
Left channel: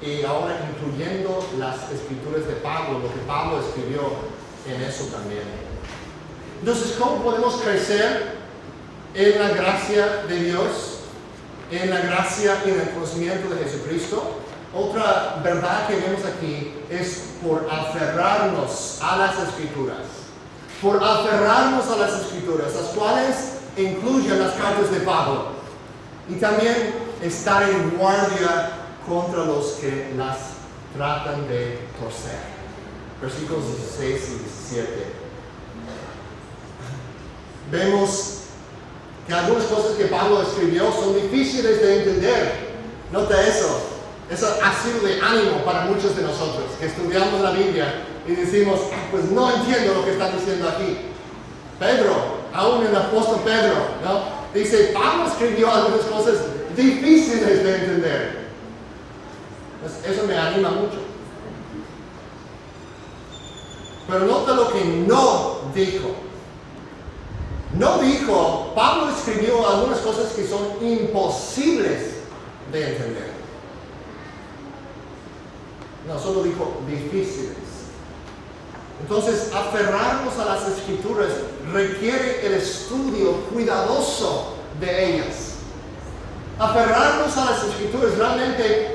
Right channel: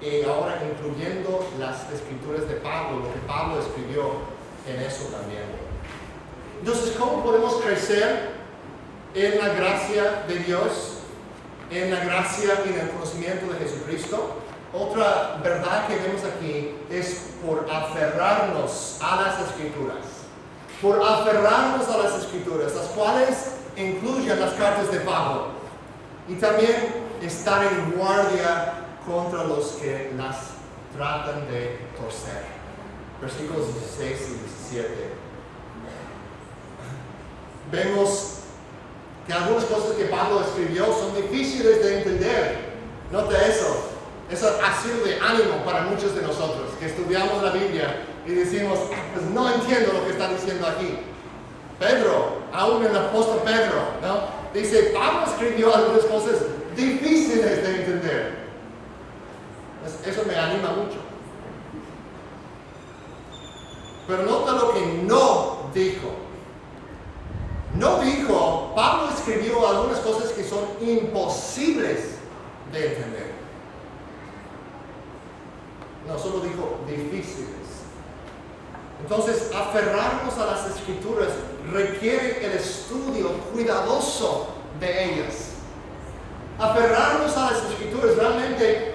y ahora incluyendo las escrituras de Pablo, lo que Pablo escribió en eso también. Entonces, ¿cómo podemos crecer en la gracia de Dios, en la gracia y en el conocimiento de Jesucristo? Otra verdad que vemos aquí es por aferrarnos a las escrituras. Por aferrarnos a las escrituras, las cuales incluyen las cartas de Pablo. Y también estar en guardia contra los que las tratan de torcer. Versículos 16 y 17. Vemos que algunas cosas que Pablo escribió son difíciles de entender. Nota eso. Eso ha sido de ánimo para muchos de nosotros que estudiamos la Biblia y decimos, pues no entiendo lo que está diciendo aquí. Pedro, aún el apóstol Pedro, ¿no? Dice, Pablo escribió algunas cosas difíciles de entender. Pues eso me anima mucho. Pero nota lo que no dijo. No dijo, Pablo escribió algunas cosas que son imposibles de entender. No, solo dijo difíciles. Entonces, aferrarnos a las escrituras requiere el estudio cuidadoso de ellas. Aferrarnos a las escrituras, realmente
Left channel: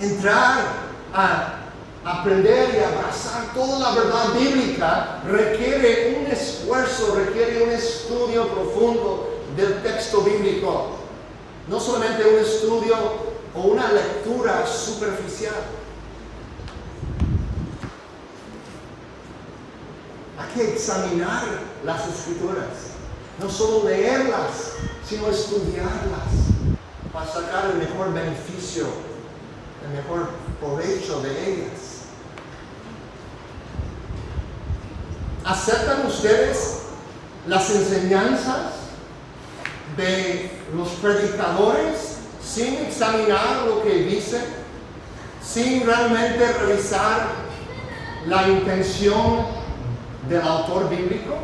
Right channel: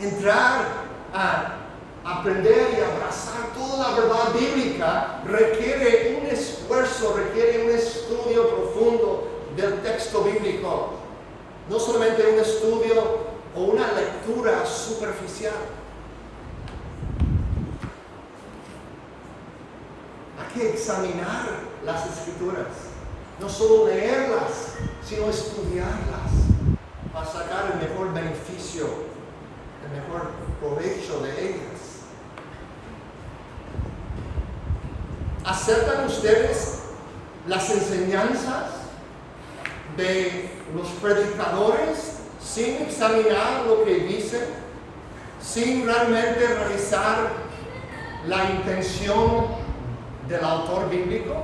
entrar a aprender y abrazar toda la verdad bíblica, requiere un esfuerzo, requiere un estudio profundo del texto bíblico. No solamente un estudio o una lectura superficial. Hay que examinar las escrituras, no solo leerlas, sino estudiarlas para sacar el mejor beneficio, el mejor provecho de ellas. ¿Aceptan ustedes las enseñanzas de los predicadores sin examinar lo que dicen, sin realmente revisar la intención del autor bíblico?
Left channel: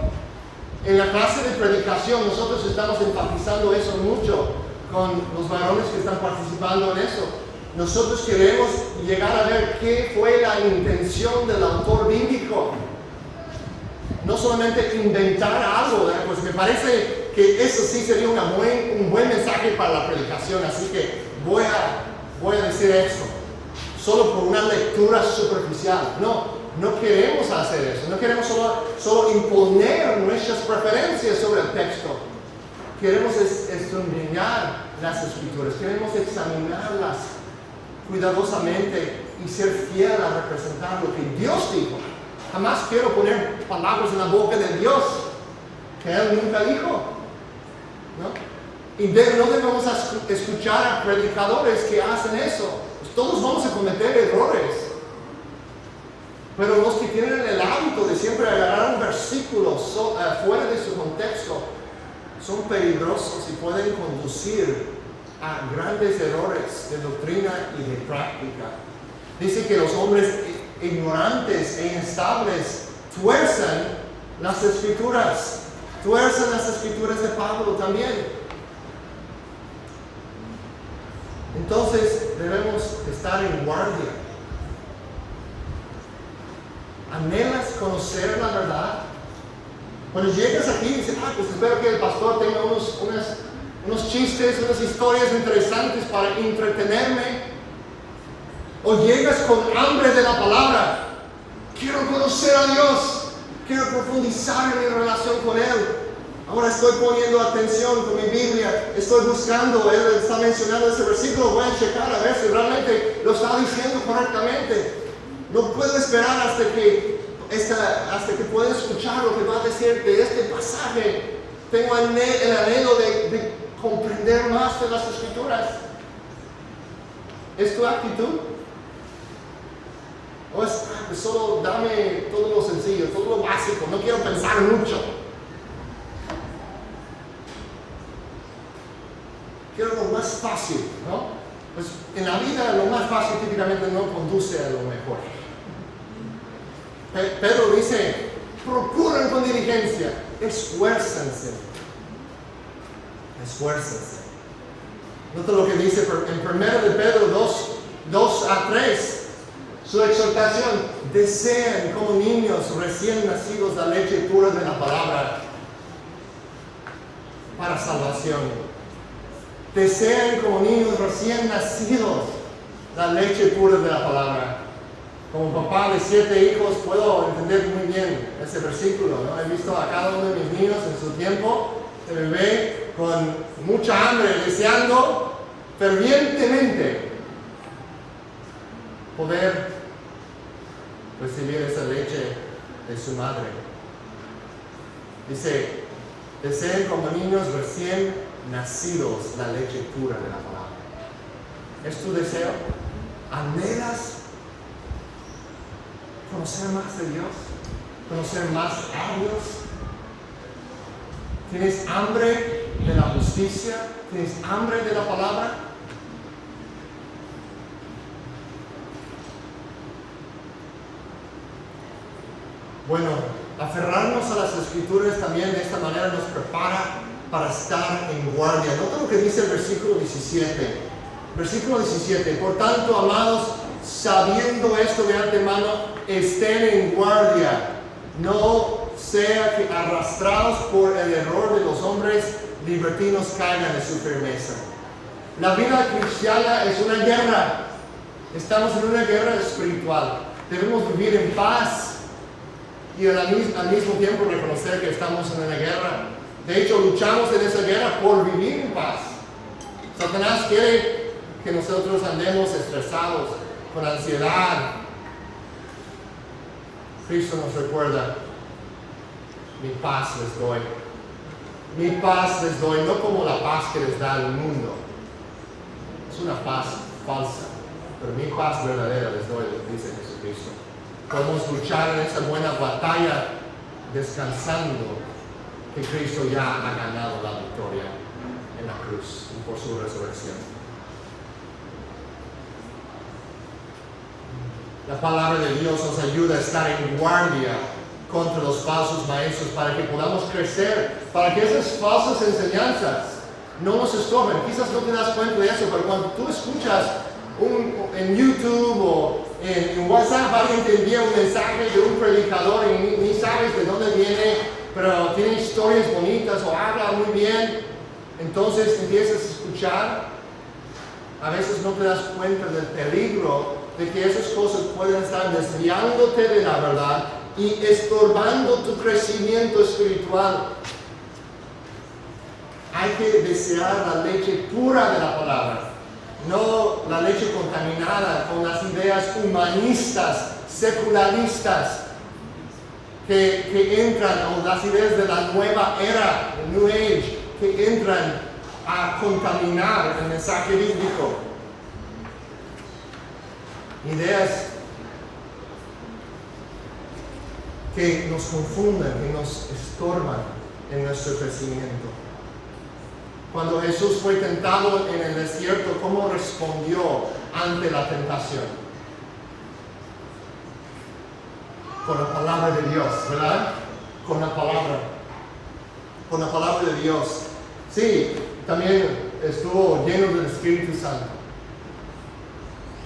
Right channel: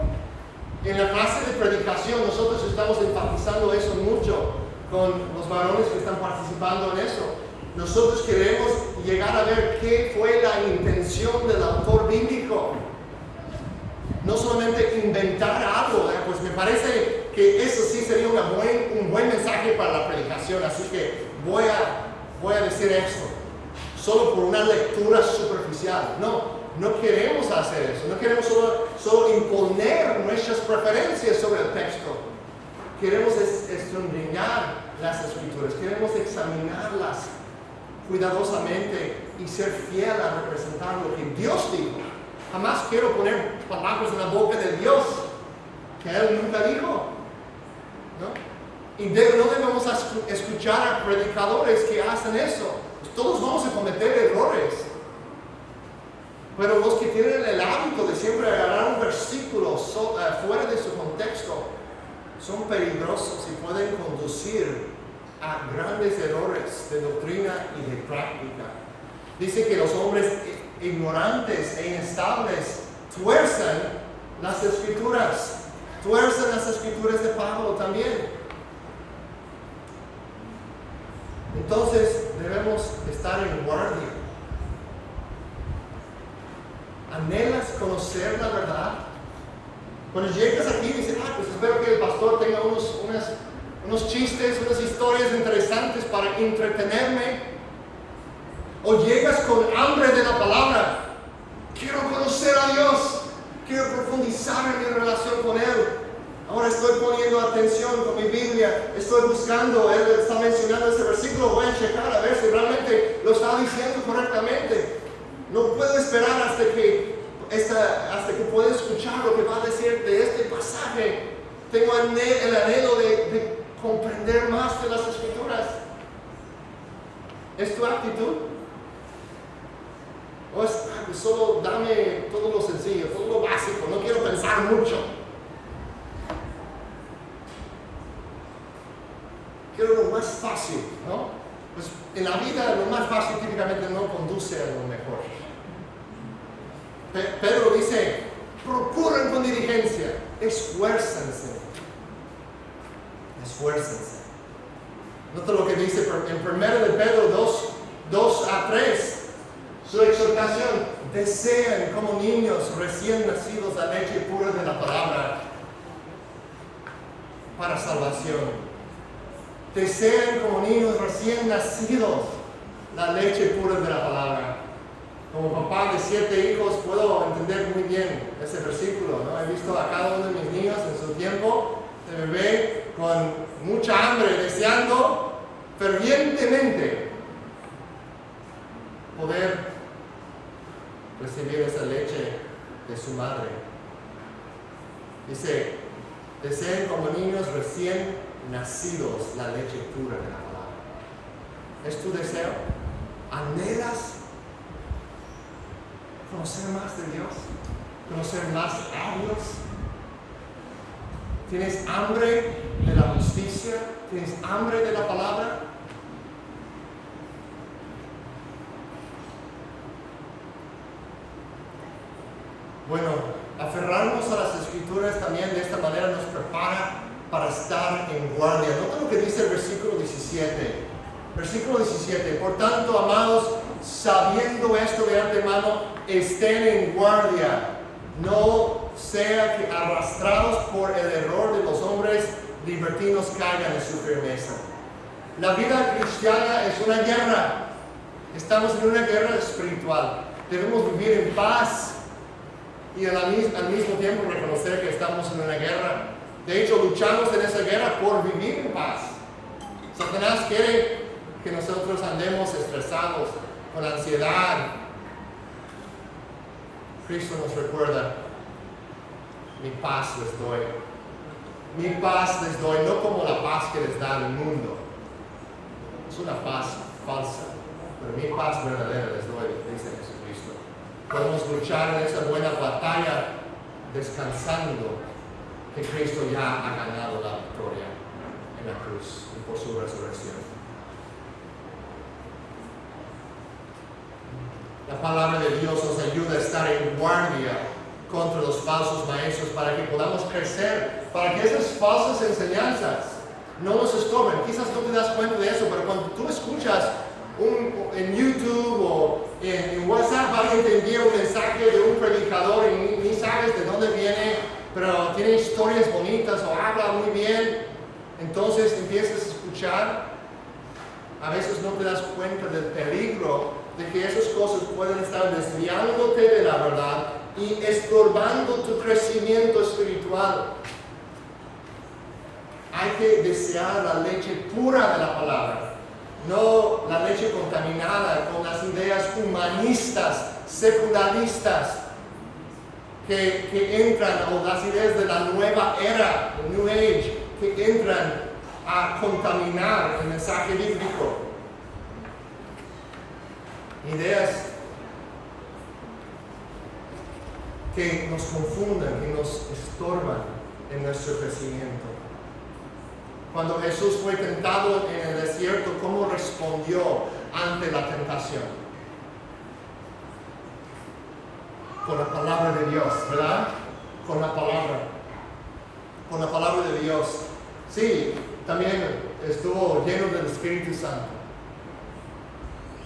En la clase de predicación nosotros estamos enfatizando eso mucho con los varones que están participando en eso. Nosotros queremos llegar a ver qué fue la intención del autor bíblico. No solamente inventar algo, ¿verdad? Pues me parece que eso sí sería un buen mensaje para la predicación, así que voy a decir esto, solo por una lectura superficial. No queremos hacer eso, no queremos solo imponer nuestras preferencias sobre el texto. Queremos escudriñar las escrituras, queremos examinarlas cuidadosamente y ser fiel a representar lo que Dios dijo. Jamás quiero poner palabras en la boca de Dios que Él nunca dijo, ¿no? Y no debemos escuchar a predicadores que hacen eso. Pues todos vamos a cometer errores. Pero los que tienen el hábito de siempre agarrar un versículo fuera de su contexto son peligrosos y pueden conducir a grandes errores de doctrina y de práctica. Dice que los hombres ignorantes e inestables tuerzan las escrituras de Pablo también. Entonces debemos estar en guardia. ¿Anhelas conocer la verdad? Cuando llegas aquí y dices, pues espero que el pastor tenga unos chistes, unas historias interesantes para entretenerme. O llegas con hambre de la palabra. Quiero conocer a Dios. Quiero profundizar en mi relación con Él. Ahora estoy poniendo atención con mi Biblia. Estoy buscando. Él está mencionando ese versículo. Voy a checar a ver si realmente lo está diciendo correctamente. No puedo esperar hasta que pueda escuchar lo que va a decir de este pasaje. Tengo el anhelo de comprender más de las Escrituras. ¿Es tu actitud? ¿O es, pues solo dame todo lo sencillo, todo lo básico, no quiero pensar mucho? Quiero lo más fácil, ¿no? Pues en la vida lo más fácil típicamente no conduce a lo mejor. Pedro dice, procuran con diligencia, esfuércense. Esfuércense. Nota lo que dice en 1 de Pedro 2 a 3. Su exhortación: desean como niños recién nacidos la leche pura de la palabra para salvación. Desean como niños recién nacidos la leche pura de la palabra. Como papá de 7 hijos puedo entender muy bien ese versículo, ¿no? He visto a cada uno de mis niños en su tiempo de bebé con mucha hambre, deseando fervientemente poder recibir esa leche de su madre. Dice, desean como niños recién nacidos la leche pura de la palabra. ¿Es tu deseo? ¿Anhelas conocer más de Dios? ¿Conocer más a Dios? ¿Tienes hambre de la justicia? ¿Tienes hambre de la palabra? Bueno, aferrarnos a las Escrituras también de esta manera nos prepara para estar en guardia. Nota lo que dice el versículo 17. Versículo 17. Por tanto, amados, sabiendo esto de antemano, estén en guardia. No sea que arrastrados por el error de los hombres libertinos caigan de su firmeza. La vida cristiana es una guerra. Estamos en una guerra espiritual. Debemos vivir en paz y al mismo tiempo reconocer que estamos en una guerra. De hecho, luchamos en esa guerra por vivir en paz. Satanás quiere que nosotros andemos estresados, con ansiedad. Cristo nos recuerda: mi paz les doy. Mi paz les doy, no como la paz que les da el mundo. Es una paz falsa, pero mi paz verdadera les doy, dice Jesucristo. Podemos luchar en esa buena batalla descansando que Cristo ya ha ganado la victoria en la cruz y por su resurrección. La palabra de Dios nos ayuda a estar en guardia contra los falsos maestros para que podamos crecer, para que esas falsas enseñanzas no nos estorben. Quizás no te das cuenta de eso, pero cuando tú escuchas en YouTube o en WhatsApp alguien te envía un mensaje de un predicador y ni sabes de dónde viene, pero tiene historias bonitas o habla muy bien, entonces empiezas a escuchar. A veces no te das cuenta del peligro de que esas cosas pueden estar desviándote de la verdad y estorbando tu crecimiento espiritual. Hay que desear la leche pura de la palabra, no la leche contaminada con las ideas humanistas, secularistas, que entran, o las ideas de la nueva era, el New Age, que entran a contaminar el mensaje bíblico. Ideas que nos confunden, que nos estorban en nuestro crecimiento. Cuando Jesús fue tentado en el desierto, ¿cómo respondió ante la tentación? Con la palabra de Dios, ¿verdad? Con la palabra de Dios. Sí, también estuvo lleno del Espíritu Santo.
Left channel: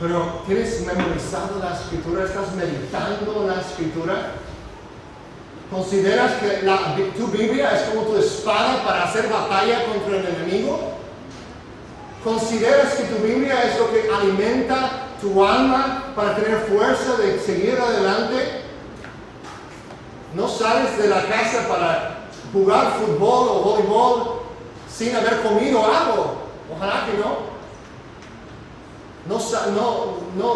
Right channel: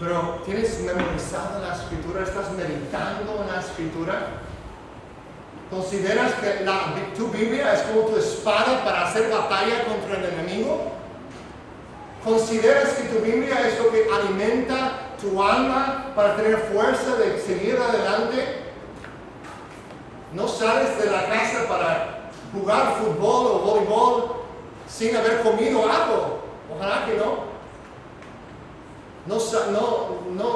Pero ¿tienes memorizado la Escritura? ¿Estás meditando en la Escritura? ¿Consideras que tu Biblia es como tu espada para hacer batalla contra el enemigo? ¿Consideras que tu Biblia es lo que alimenta tu alma para tener fuerza de seguir adelante? ¿No sales de la casa para jugar fútbol o voleibol sin haber comido algo? Ojalá que no. No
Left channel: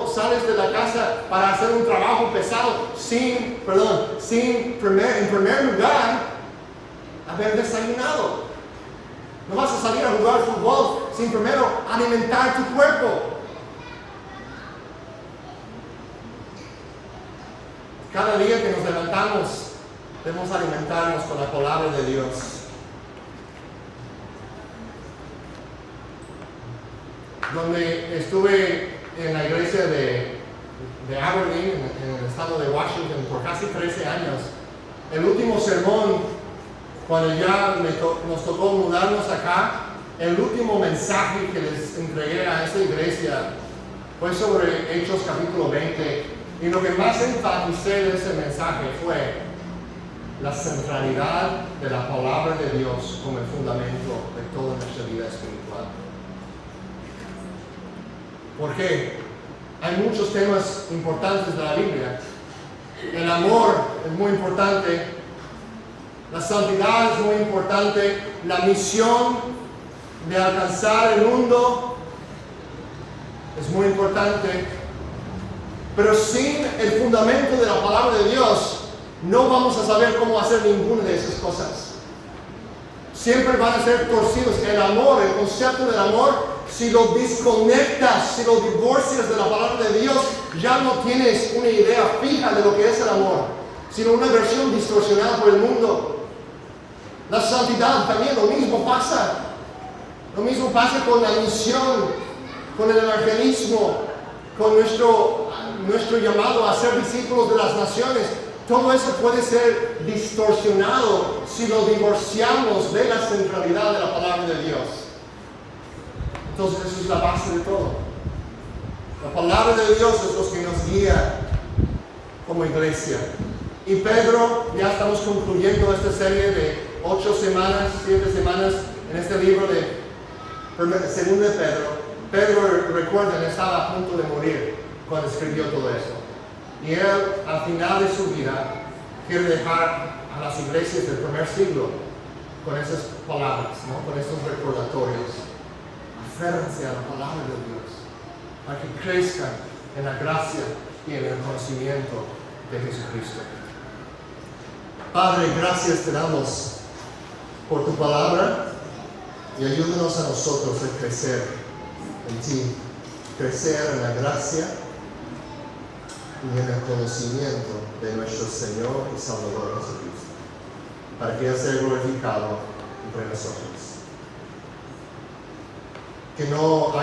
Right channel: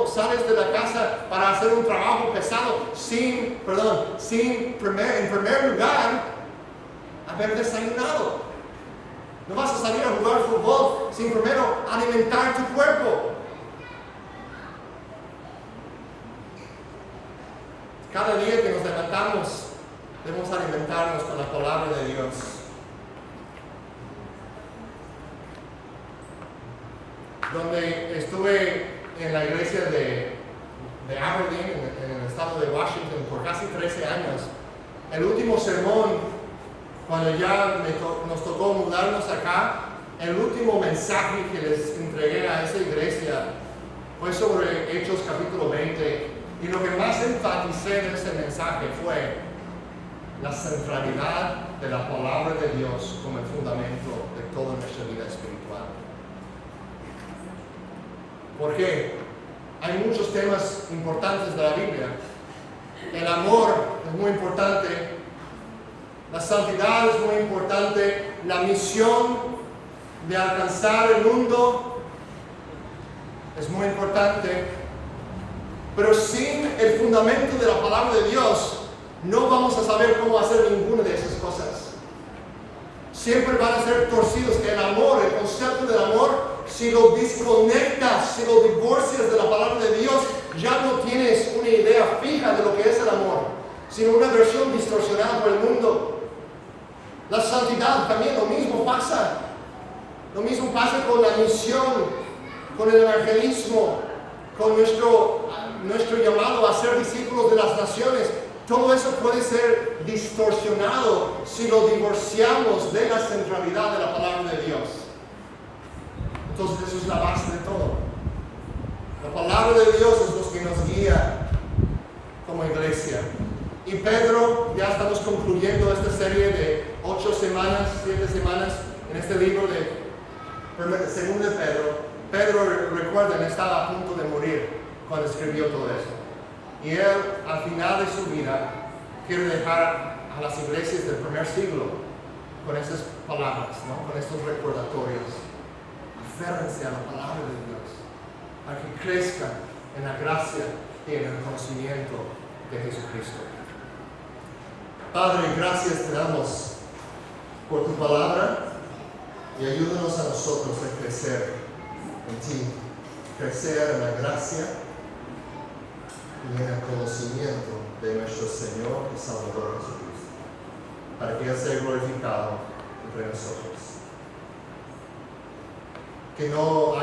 sales de la casa para hacer un trabajo pesado sin en primer lugar, haber desayunado. No vas a salir a jugar fútbol sin primero alimentar tu cuerpo. Cada día que nos levantamos, debemos alimentarnos con la palabra de Dios. Donde estuve en la iglesia de Aberdeen, en el estado de Washington, por casi 13 años, el último sermón, cuando ya nos tocó mudarnos acá, el último mensaje que les entregué a esa iglesia fue sobre Hechos capítulo 20, y lo que más enfaticé de ese mensaje fue la centralidad de la palabra de Dios como el fundamento de toda nuestra vida espiritual. ¿Por qué? Hay muchos temas importantes de la Biblia. El amor es muy importante. La santidad es muy importante. La misión de alcanzar el mundo es muy importante. Pero sin el fundamento de la palabra de Dios, no vamos a saber cómo hacer ninguna de esas cosas. Siempre van a ser torcidos. El amor, el concepto del amor, si lo desconectas, si lo divorcias de la palabra de Dios, ya no tienes una idea fija de lo que es el amor, sino una versión distorsionada por el mundo. La santidad también, lo mismo pasa. Lo mismo pasa con la misión, con el evangelismo, con nuestro llamado a ser discípulos de las naciones. Todo eso puede ser distorsionado si lo divorciamos de la centralidad de la palabra de Dios. Entonces eso es la base de todo. La palabra de Dios es lo que nos guía como iglesia. Y Pedro, ya estamos concluyendo esta serie de 7 semanas en este libro de 2 de Pedro. Pedro, recuerden, estaba a punto de morir cuando escribió todo esto. Y él, al final de su vida, quiere dejar a las iglesias del primer siglo con esas palabras, ¿no? Con estos recordatorios. Aférrense a la palabra de Dios, para que crezcan en la gracia y en el conocimiento de Jesucristo. Padre, gracias te damos por tu palabra y ayúdanos a nosotros a crecer en ti, crecer en la gracia y en el conocimiento de nuestro Señor y Salvador Jesucristo, para que Él sea glorificado entre nosotros. Que no